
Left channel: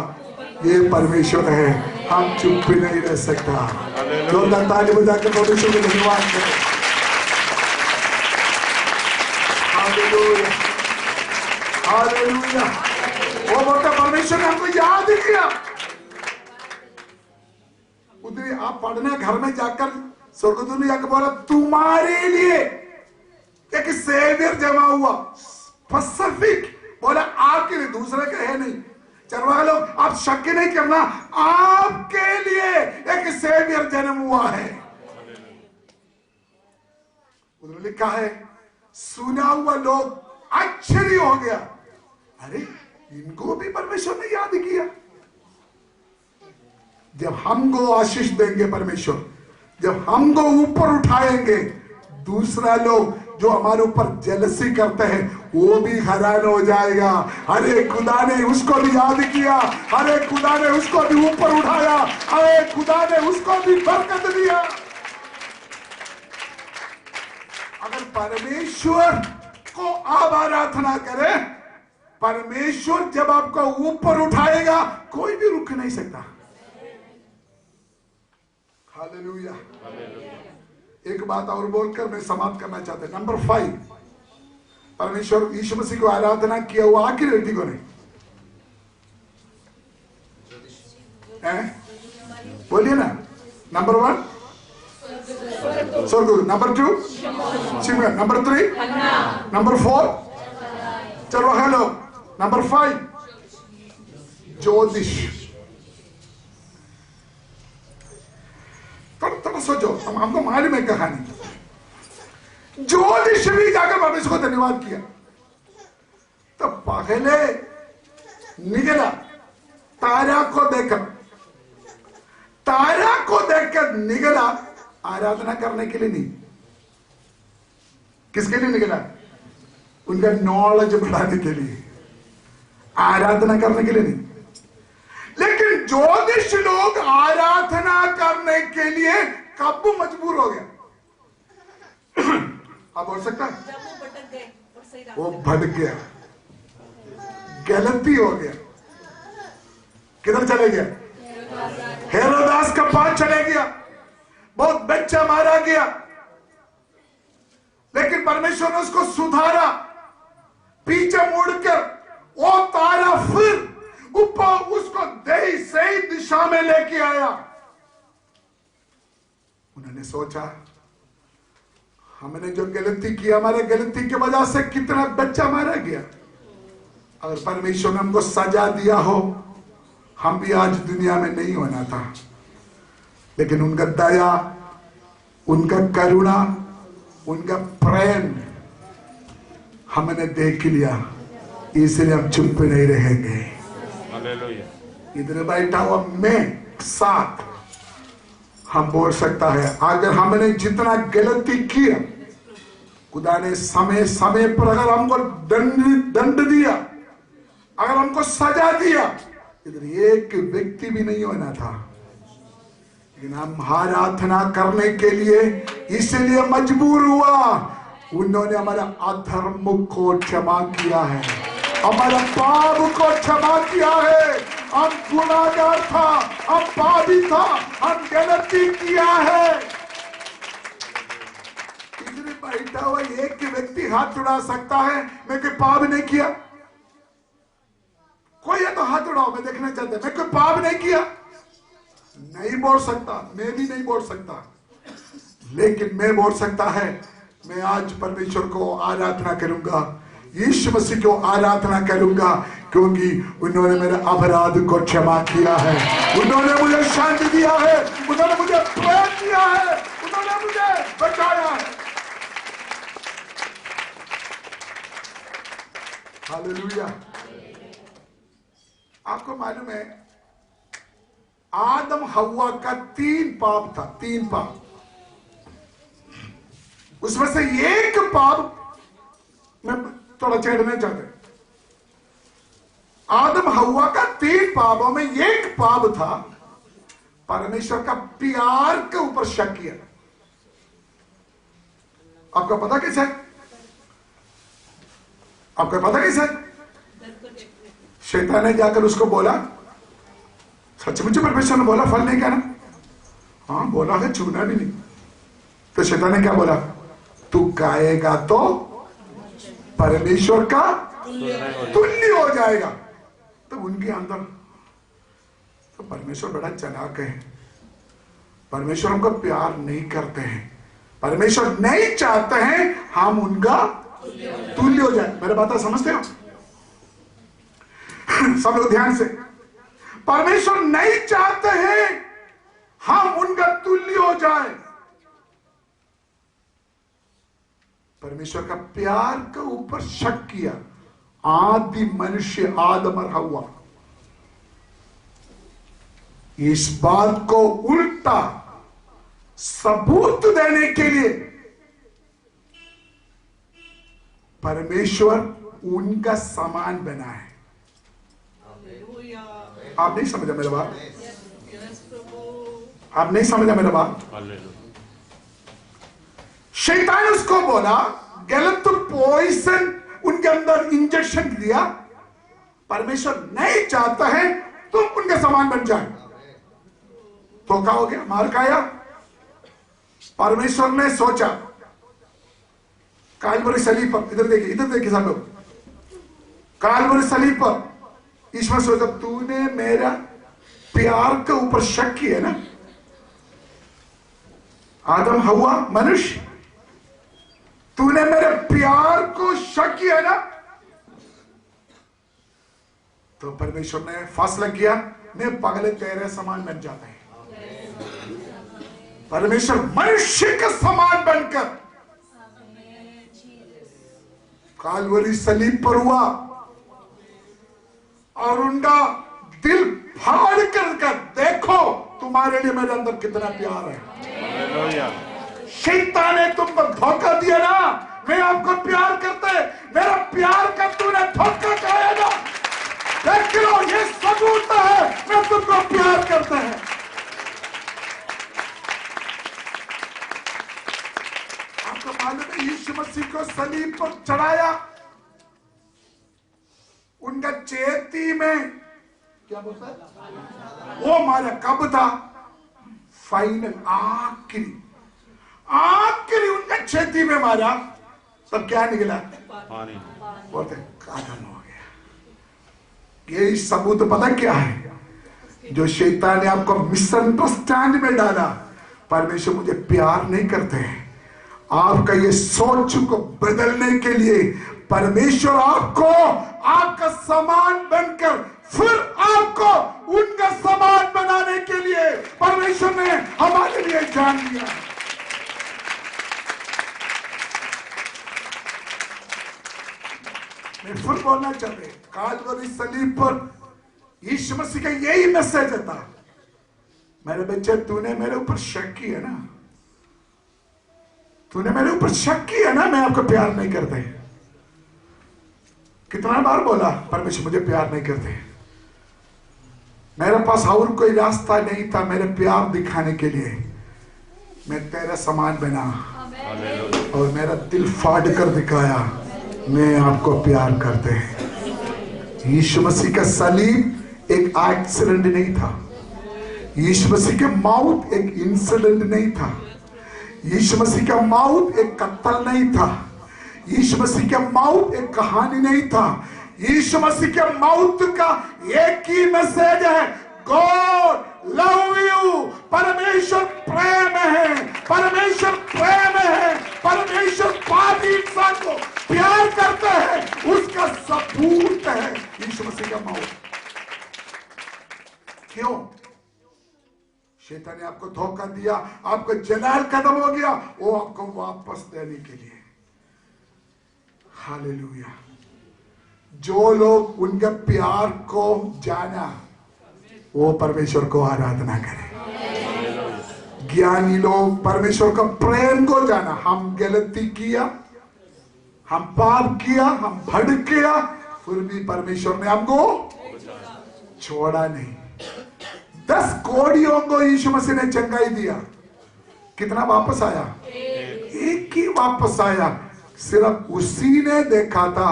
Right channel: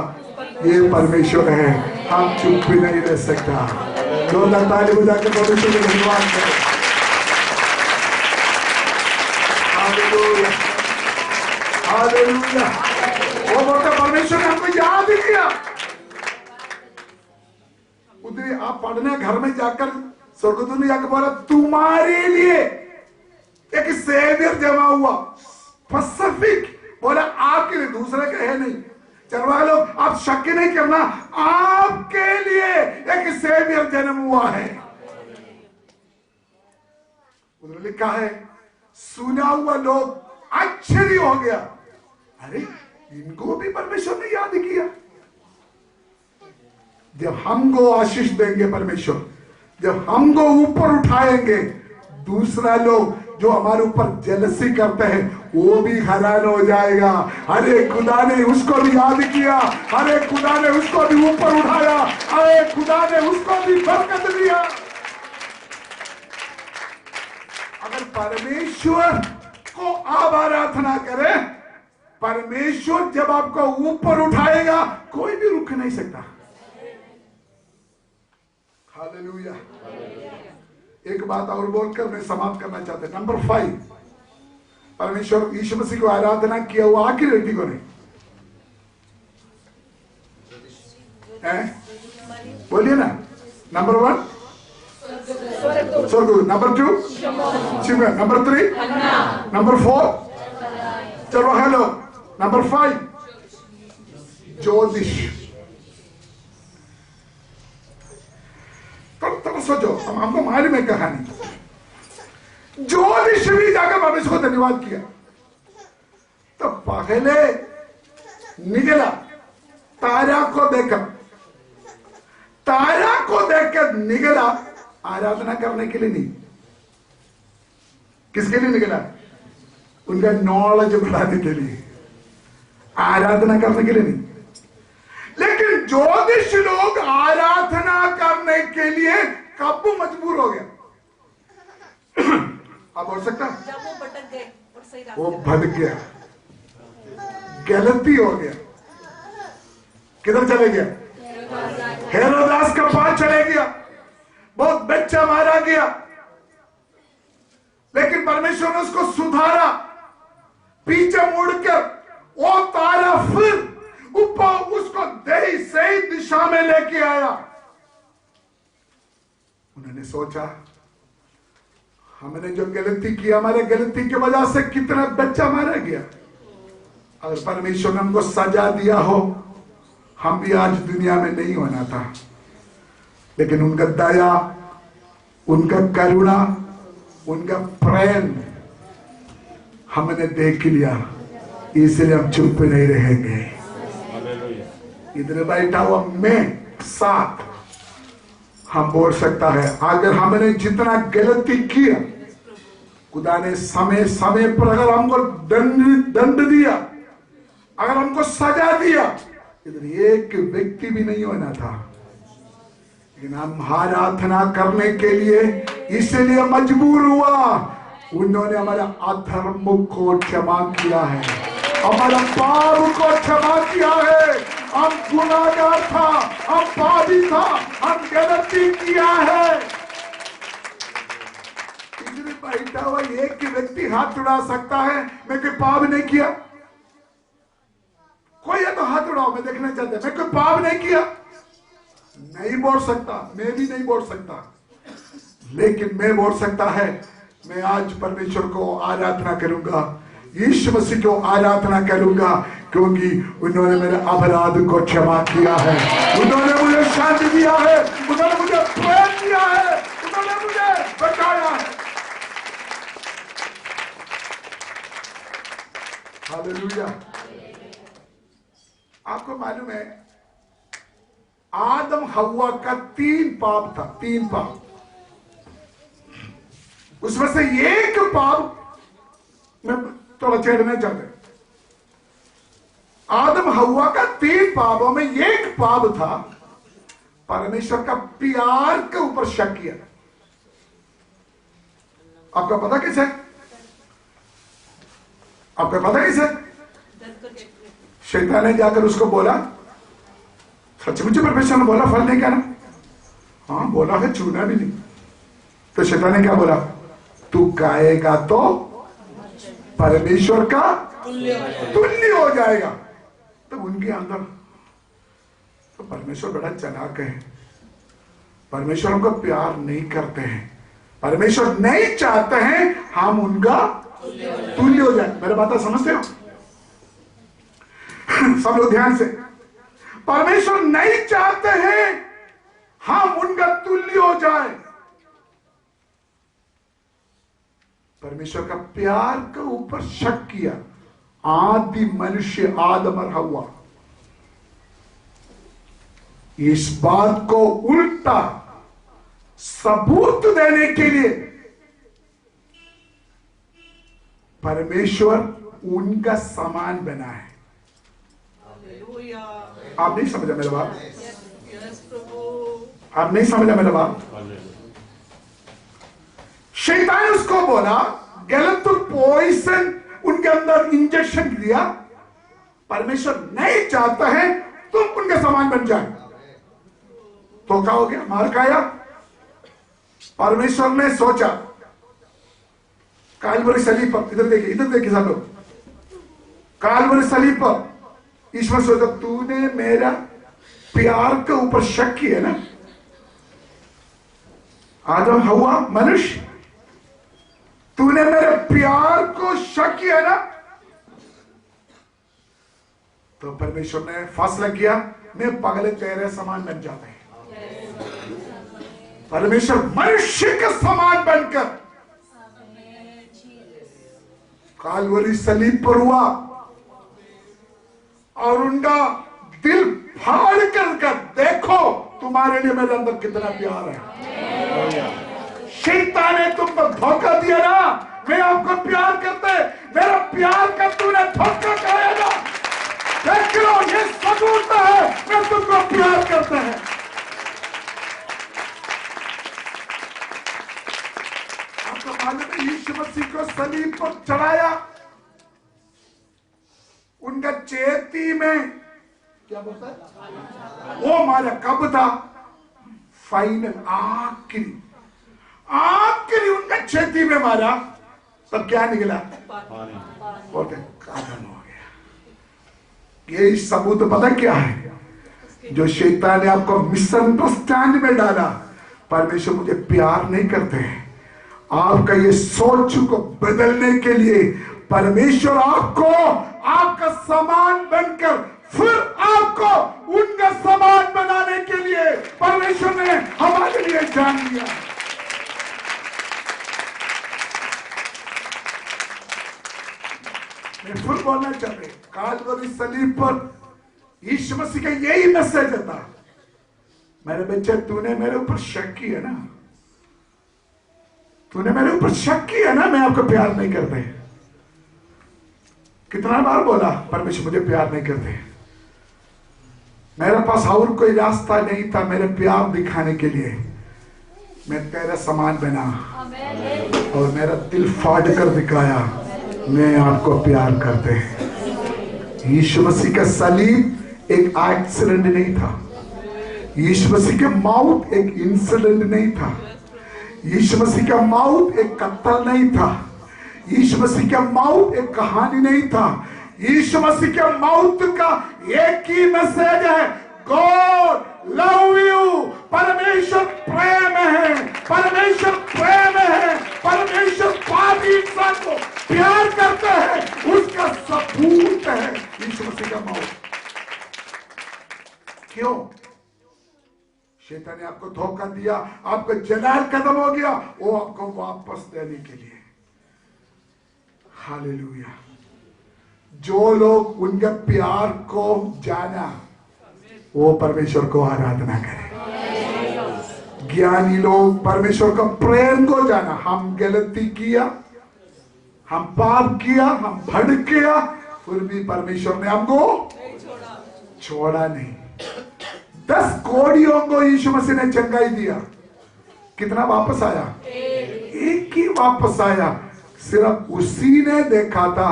ये परमेश्वर है। हम चुप भी नहीं रह सकता। जोरदार ताली बजाकर परमेश्वर को धन्यवाद करें। Hallelujah, hallelujah. वो बोलता परमेश्वर ने हमको याद किया। उधर आप पढ़ने घर में जाकर स्वर्गदूत ने जाकर बोला तुम्हारे लिए एक सेवियर जमा हुआ, स्पेसिफिक बोला आपके लिए, दूसरे का है नहीं। चरवाहा लोग आप शक नहीं करना, आपके लिए एक सेवियर जन्म हुआ है। उधर लिखा है, सुना हुआ लोग आश्चर्य हो गया, अरे इनको भी परमेश्वर ने याद किया। जब हमको आशीष देंगे परमेश्वर, जब हमको ऊपर उठाएंगे, दूसरा लोग जो हमारे ऊपर जेलसी करते हैं वो भी हैरान हो जाएगा। अरे खुदा ने उसको भी याद किया, अरे खुदा ने उसको भी ऊपर उठाया, अरे खुदा ने उसको भी बरकत दिया। अगर परमेश्वर को आप आराधना करें, परमेश्वर जब आपको ऊपर उठाएगा कोई भी रुक नहीं सकता। हालेलुया। एक बात और बोलकर मैं समाप्त करना चाहता हूं। नंबर 5, परमेश्वर यीशु मसीह को आराधना किया हुआ आखिर व्यक्ति को नहीं बोलिए ना। नंबर 1 स्वर्गदूत, नंबर 2 शिमगा, नंबर 3 नंबर 4 चरवाहा लोग, नंबर 5 ज्योतिष। थोड़ा सोचो, हमको मालूम है कहानी। ज्योतिष भी जाकर परमेश्वर को धन्यवाद किया। तो पहले निकला तारा को देखकर, तारा को देखकर निकला आराधना करने के लिए नहीं। किसके लिए निकला? उनका नॉलेज बढ़ाने के लिए, आराधना करने के लिए नहीं। लेकिन ज्योतिष लोग आराधना करने के लिए कब मजबूर हो गया? आप बोल सकता है? जब वो भटक गए और सही रास्ते वो भटक गया, गलती हो गया। किधर चले गया? हेरोदास का पास चले गया, बहुत बच्चा मारा गया। लेकिन परमेश्वर ने उसको सुधारा, पीछे मुड़कर वो तारा फिर ऊपर उसको सही दिशा में लेके आया। उन्होंने सोचा हमने जो गलती की, हमारे गलती की वजह से कितना बच्चा मारा गया। अगर परमेश्वर ने हमको सजा दिया हो, हम भी आज दुनिया में नहीं होना था। लेकिन उनका दया, उनका करुणा, उनका प्रेम हमने देख लिया, इसलिए हम चुप नहीं रहेंगे। इधर बैठा हुआ मैं साथ हम बोल सकता है अगर हमने जितना गलती किया, खुदा ने समय समय पर अगर हमको दंड दिया, अगर हमको सजा दिया, इधर एक व्यक्ति भी नहीं होना था, लेकिन हम आराधना करने के लिए इसलिए मजबूर हुआ। उन्होंने हमारा अधर्म को क्षमा किया है, हमारा पाप को क्षमा किया है। हम गुनाहगार था, हम पापी था, हम गलती किया है। इधर बैठा हुआ एक व्यक्ति हाथ उड़ा सकता है, मैं कोई पाप नहीं किया। कोई है तो हाथ उड़ाओ, मैं देखना चाहता हूं। मैं कोई पाप नहीं किया, नहीं बोल सकता, मैं भी नहीं बोल सकता, लेकिन मैं बोल सकता है मैं आज परमेश्वर को आराधना करूंगा, यीशु मसीह को आराधना करूंगा, क्योंकि उन्होंने मेरे अपराध को क्षमा किया है, उन्होंने मुझे शांति दिया है, उन्होंने मुझे प्रेम दिया है, उन्होंने मुझे बचाया है। हालेलुया। आपको मालूम है आदम हव्वा का 3 पाप था, 3 पाप। उसमें से एक पाप मैं थोड़ा छेड़ना चाहते। आदम हव्वा का 3 पापों में एक पाप था परमेश्वर का प्यार के ऊपर शक किया। आपका पता कैसे? आपको पता कैसे? शैतान ने जाकर उसको बोला, सचमुच परमेश्वर ने बोला फल नहीं खाना? हाँ बोला है, छूना भी नहीं। तो शैतान ने क्या बोला? तू खाएगा तो परमेश्वर का तुल्य हो जाएगा। तो उनके अंदर तो परमेश्वर बड़ा चालाक है, परमेश्वर हमको प्यार नहीं करते हैं, परमेश्वर नहीं चाहते हैं हम उनका तुल्य हो जाए। मेरा बात समझते हो सब लोग ध्यान से? परमेश्वर नहीं चाहते हैं हम उनका तुल्य हो जाए। परमेश्वर का प्यार के ऊपर शक किया आदि मनुष्य आदम और हव्वा। इस बात को उल्टा सबूत देने के लिए परमेश्वर उनका समान बना है। आप नहीं समझा मेरा बात? आप नहीं समझा मेरा बात? शैतान उसको बोला, गलत पॉइजन उनके अंदर इंजेक्शन दिया, परमेश्वर नहीं चाहता है तुम उनके समान बन जाए। तो क्या हो गया? मार खाया। परमेश्वर ने सोचा कालवरी सलीब पर, इधर देखिए सब लोग, कालवरी सलीब पर ईश्वर सोचा तूने मेरा प्यार के ऊपर शक किया ना, आदम हव्वा मनुष्य, तूने मेरे प्यार को शक किया ना, तो परमेश्वर ने फैसला किया मैं पगले तेरे समान बन जाता है। परमेश्वर मनुष्य के समान बनकर कालवरी सलीब पर हुआ और उनका दिल फाड़ कर देखो तुम्हारे लिए मेरे अंदर कितना प्यार है। शैतान ने तुमको धोखा दिया ना, मैं आपको प्यार करते, मेरा प्यार का तूने धोखा खाया ना, देख लो ये सबूत है मैं तुमको प्यार करता है। आपको मालूम है यीशु मसीह को सलीब पर चढ़ाया, उनका चेती में क्या बोलता है वो मारा कब था? फाइनल आखिरी उनका छेती में मारा, तब क्या निकला? बोलते कादन हो गया। ये सबूत पता क्या है? जो शैतान ने आपको मिसअंडरस्टैंड में डाला, परमेश्वर मुझे प्यार नहीं करते हैं, आपका ये सोच को बदलने के लिए परमेश्वर आपको आपका समान बनकर फिर आपको उनका समान बनाने के लिए परमेश्वर ने हमारे लिए जान लिया। मैं फिर बोलना चाहते, कालवरी सलीब पर यीशु मसीह का यही मैसेज था, मेरे बच्चे, तूने मेरे ऊपर शक किया ना, तूने मेरे ऊपर शक किया ना, मैं आपको प्यार नहीं करते। कितना बार बोला परमेश्वर मुझे प्यार नहीं करते। मेरे पास और कोई रास्ता नहीं था मेरे प्यार दिखाने के लिए। मैं तेरा समान बना और मेरा दिल फाड़ कर दिखाया मैं आपको प्यार करते हैं। यीशु मसीह का सलीब एक एक्सीडेंट नहीं था। यीशु मसीह का मौत एक इंसिडेंट नहीं था। यीशु मसीह का मौत एक कत्ल नहीं था। यीशु मसीह का मौत एक कहानी नहीं था। यीशु मसीह के मौत का एक ही मैसेज है, गॉड लव यू। परमेश्वर प्रेम है, परमेश्वर प्रेम है, परमेश्वर पापी इंसान को प्यार करता है, उसका सबूत है यीशु मसीह का मौत। क्यों? शैतान ने आपको धोखा दिया, आपको जलाल खत्म हो गया, वो आपको वापस देने के लिए। हालेलुया। जो लोग उनके प्यार को जाना वो परमेश्वर को आराधना करें। ज्ञानी लोग परमेश्वर का प्रेम को जाना। हम गलती किया, हम पाप किया, हम भड़क गया, फिर भी परमेश्वर ने हमको छोड़ा नहीं। 10 कोड़ियों को यीशु मसीह ने चंगाई दिया, कितना वापस आया? एक ही वापस आया। सिर्फ उसी ने देखा था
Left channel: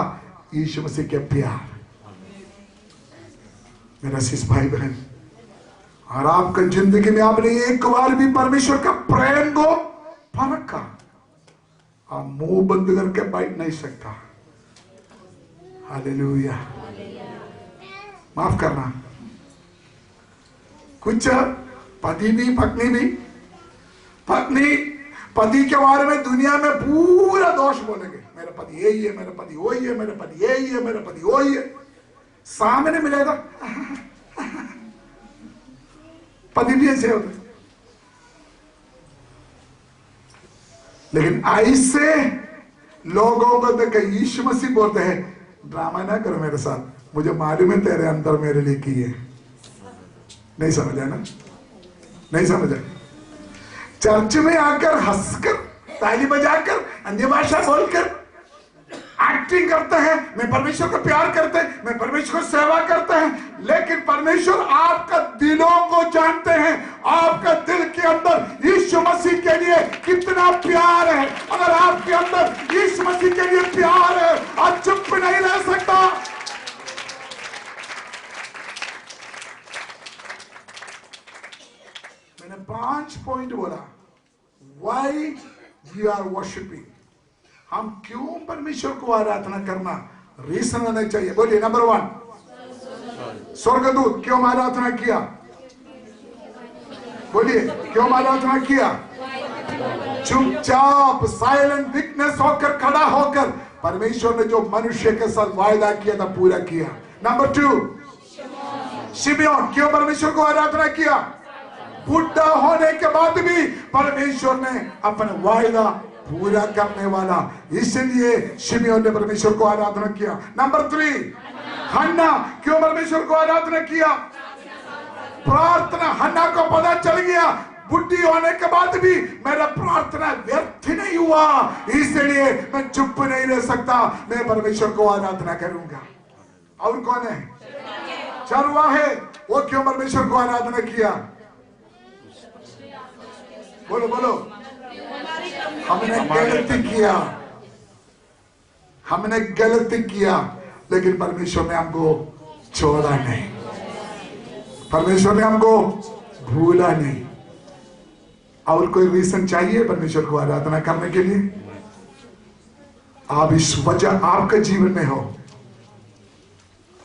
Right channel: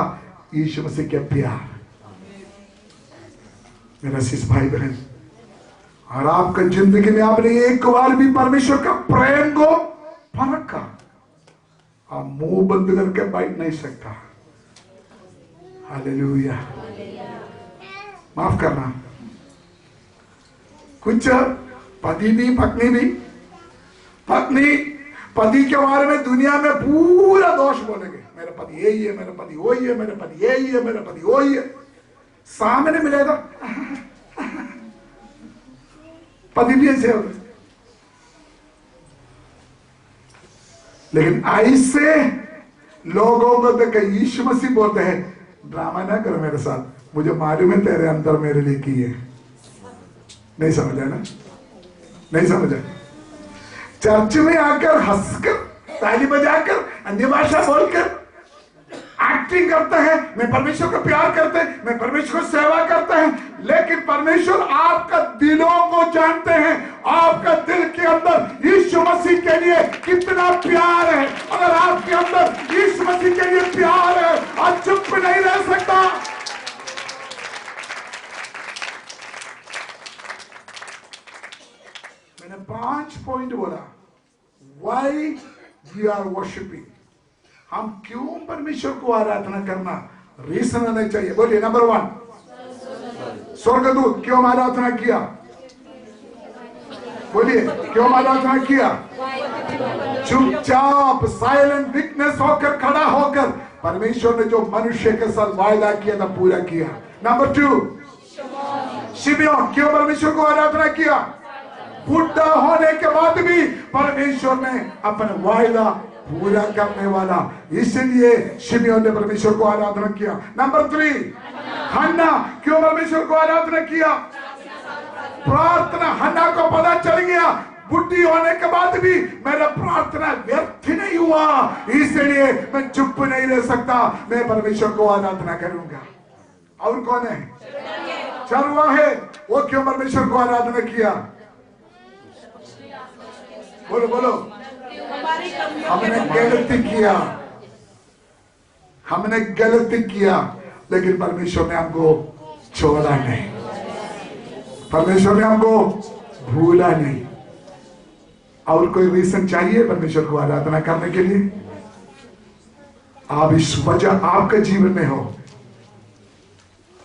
यीशु मसीह के प्यार। मेरा शिष्य भाई बहन, और आपका जिंदगी में आपने एक बार भी परमेश्वर का प्रेम को परखा, आप मुंह बंद करके बैठ नहीं सकता। हालेलुया। माफ करना, कुछ पति भी पति के बारे में दुनिया में पूरा दोष बोलेंगे। मेरा पति यही है, मेरा पति वही है, मेरा पति यही है, मेरा पति वही है। सामने मिलेगा पति भी ऐसे होते। लेकिन ऐसे लोगों को देख यीशु मसीह बोलते हैं, ड्रामा ना करो मेरे साथ, मुझे मालूम है तेरे अंदर मेरे लिए की है। नहीं समझा ना? नहीं समझा? चर्च में आकर हंसकर, ताली बजाकर, अन्य भाषा बोलकर एक्टिंग करते हैं, मैं परमेश्वर को प्यार करते हैं, मैं परमेश्वर को सेवा करते हैं, लेकिन परमेश्वर आपका दिलों को जानते हैं। आपका दिल के अंदर यीशु मसीह के लिए कितना प्यार है। अगर आपके अंदर यीशु मसीह के लिए प्यार है, आप चुप नहीं रह सकता। मैंने 5 पॉइंट बोला, वाई वी आर वर्शिपिंग। हम क्यों परमेश्वर को आराधना करना, रीजन होना चाहिए। बोलिए, नंबर 1, स्वर्गदूत क्यों आराधना किया? बोलिए, क्यों आराधना किया? चुपचाप साइलेंट विटनेस होकर, खड़ा होकर परमेश्वर ने जो मनुष्य के साथ वायदा किया था पूरा किया। नंबर 2, शिमोन क्यों परमेश्वर को आराधना किया? बुढ़ा होने के बाद भी परमेश्वर ने अपना वायदा पूरा करने वाला, इसलिए शिमोन ने परमेश्वर को आराधना किया। नंबर 3, हन्ना क्यों परमेश्वर को आराधना किया? प्रार्थना। हन्ना को पता चल गया बुढ़ी होने के बाद भी मेरा प्रार्थना व्यर्थ नहीं हुआ, इसलिए मैं चुप नहीं रह सकता, मैं परमेश्वर को आराधना करूंगा। और कौन है? चरवाहे, वो क्यों परमेश्वर को आराधना किया? बोलो बोलो। हमने गलती किया, लेकिन परमेश्वर ने हमको छोड़ा नहीं, परमेश्वर ने हमको भूला नहीं। और कोई रीजन चाहिए परमेश्वर को आराधना करने के लिए? आप इस वजह आपके जीवन में हो,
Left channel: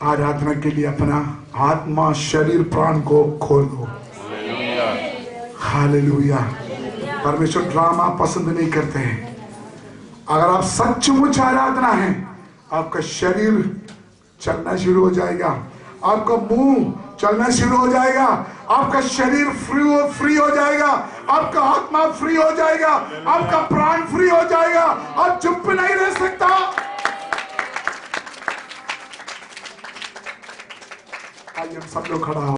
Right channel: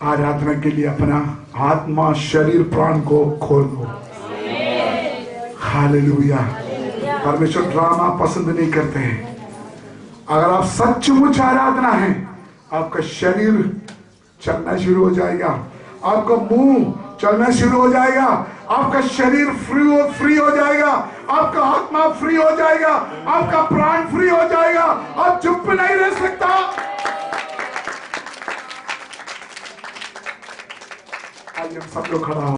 आराधना के लिए अपना आत्मा, शरीर, प्राण को खोल दो। हालेलुया। परमेश्वर ड्रामा पसंद नहीं करते हैं। अगर आप सचमुच आराधना है, आपका शरीर चलना शुरू हो जाएगा, आपका मुंह चलना शुरू हो जाएगा, आपका शरीर फ्री हो जाएगा, आपका आत्मा फ्री हो जाएगा, आपका प्राण फ्री हो जाएगा। आप चुप नहीं रह सकता। आइए हम सब लोग खड़ा हो।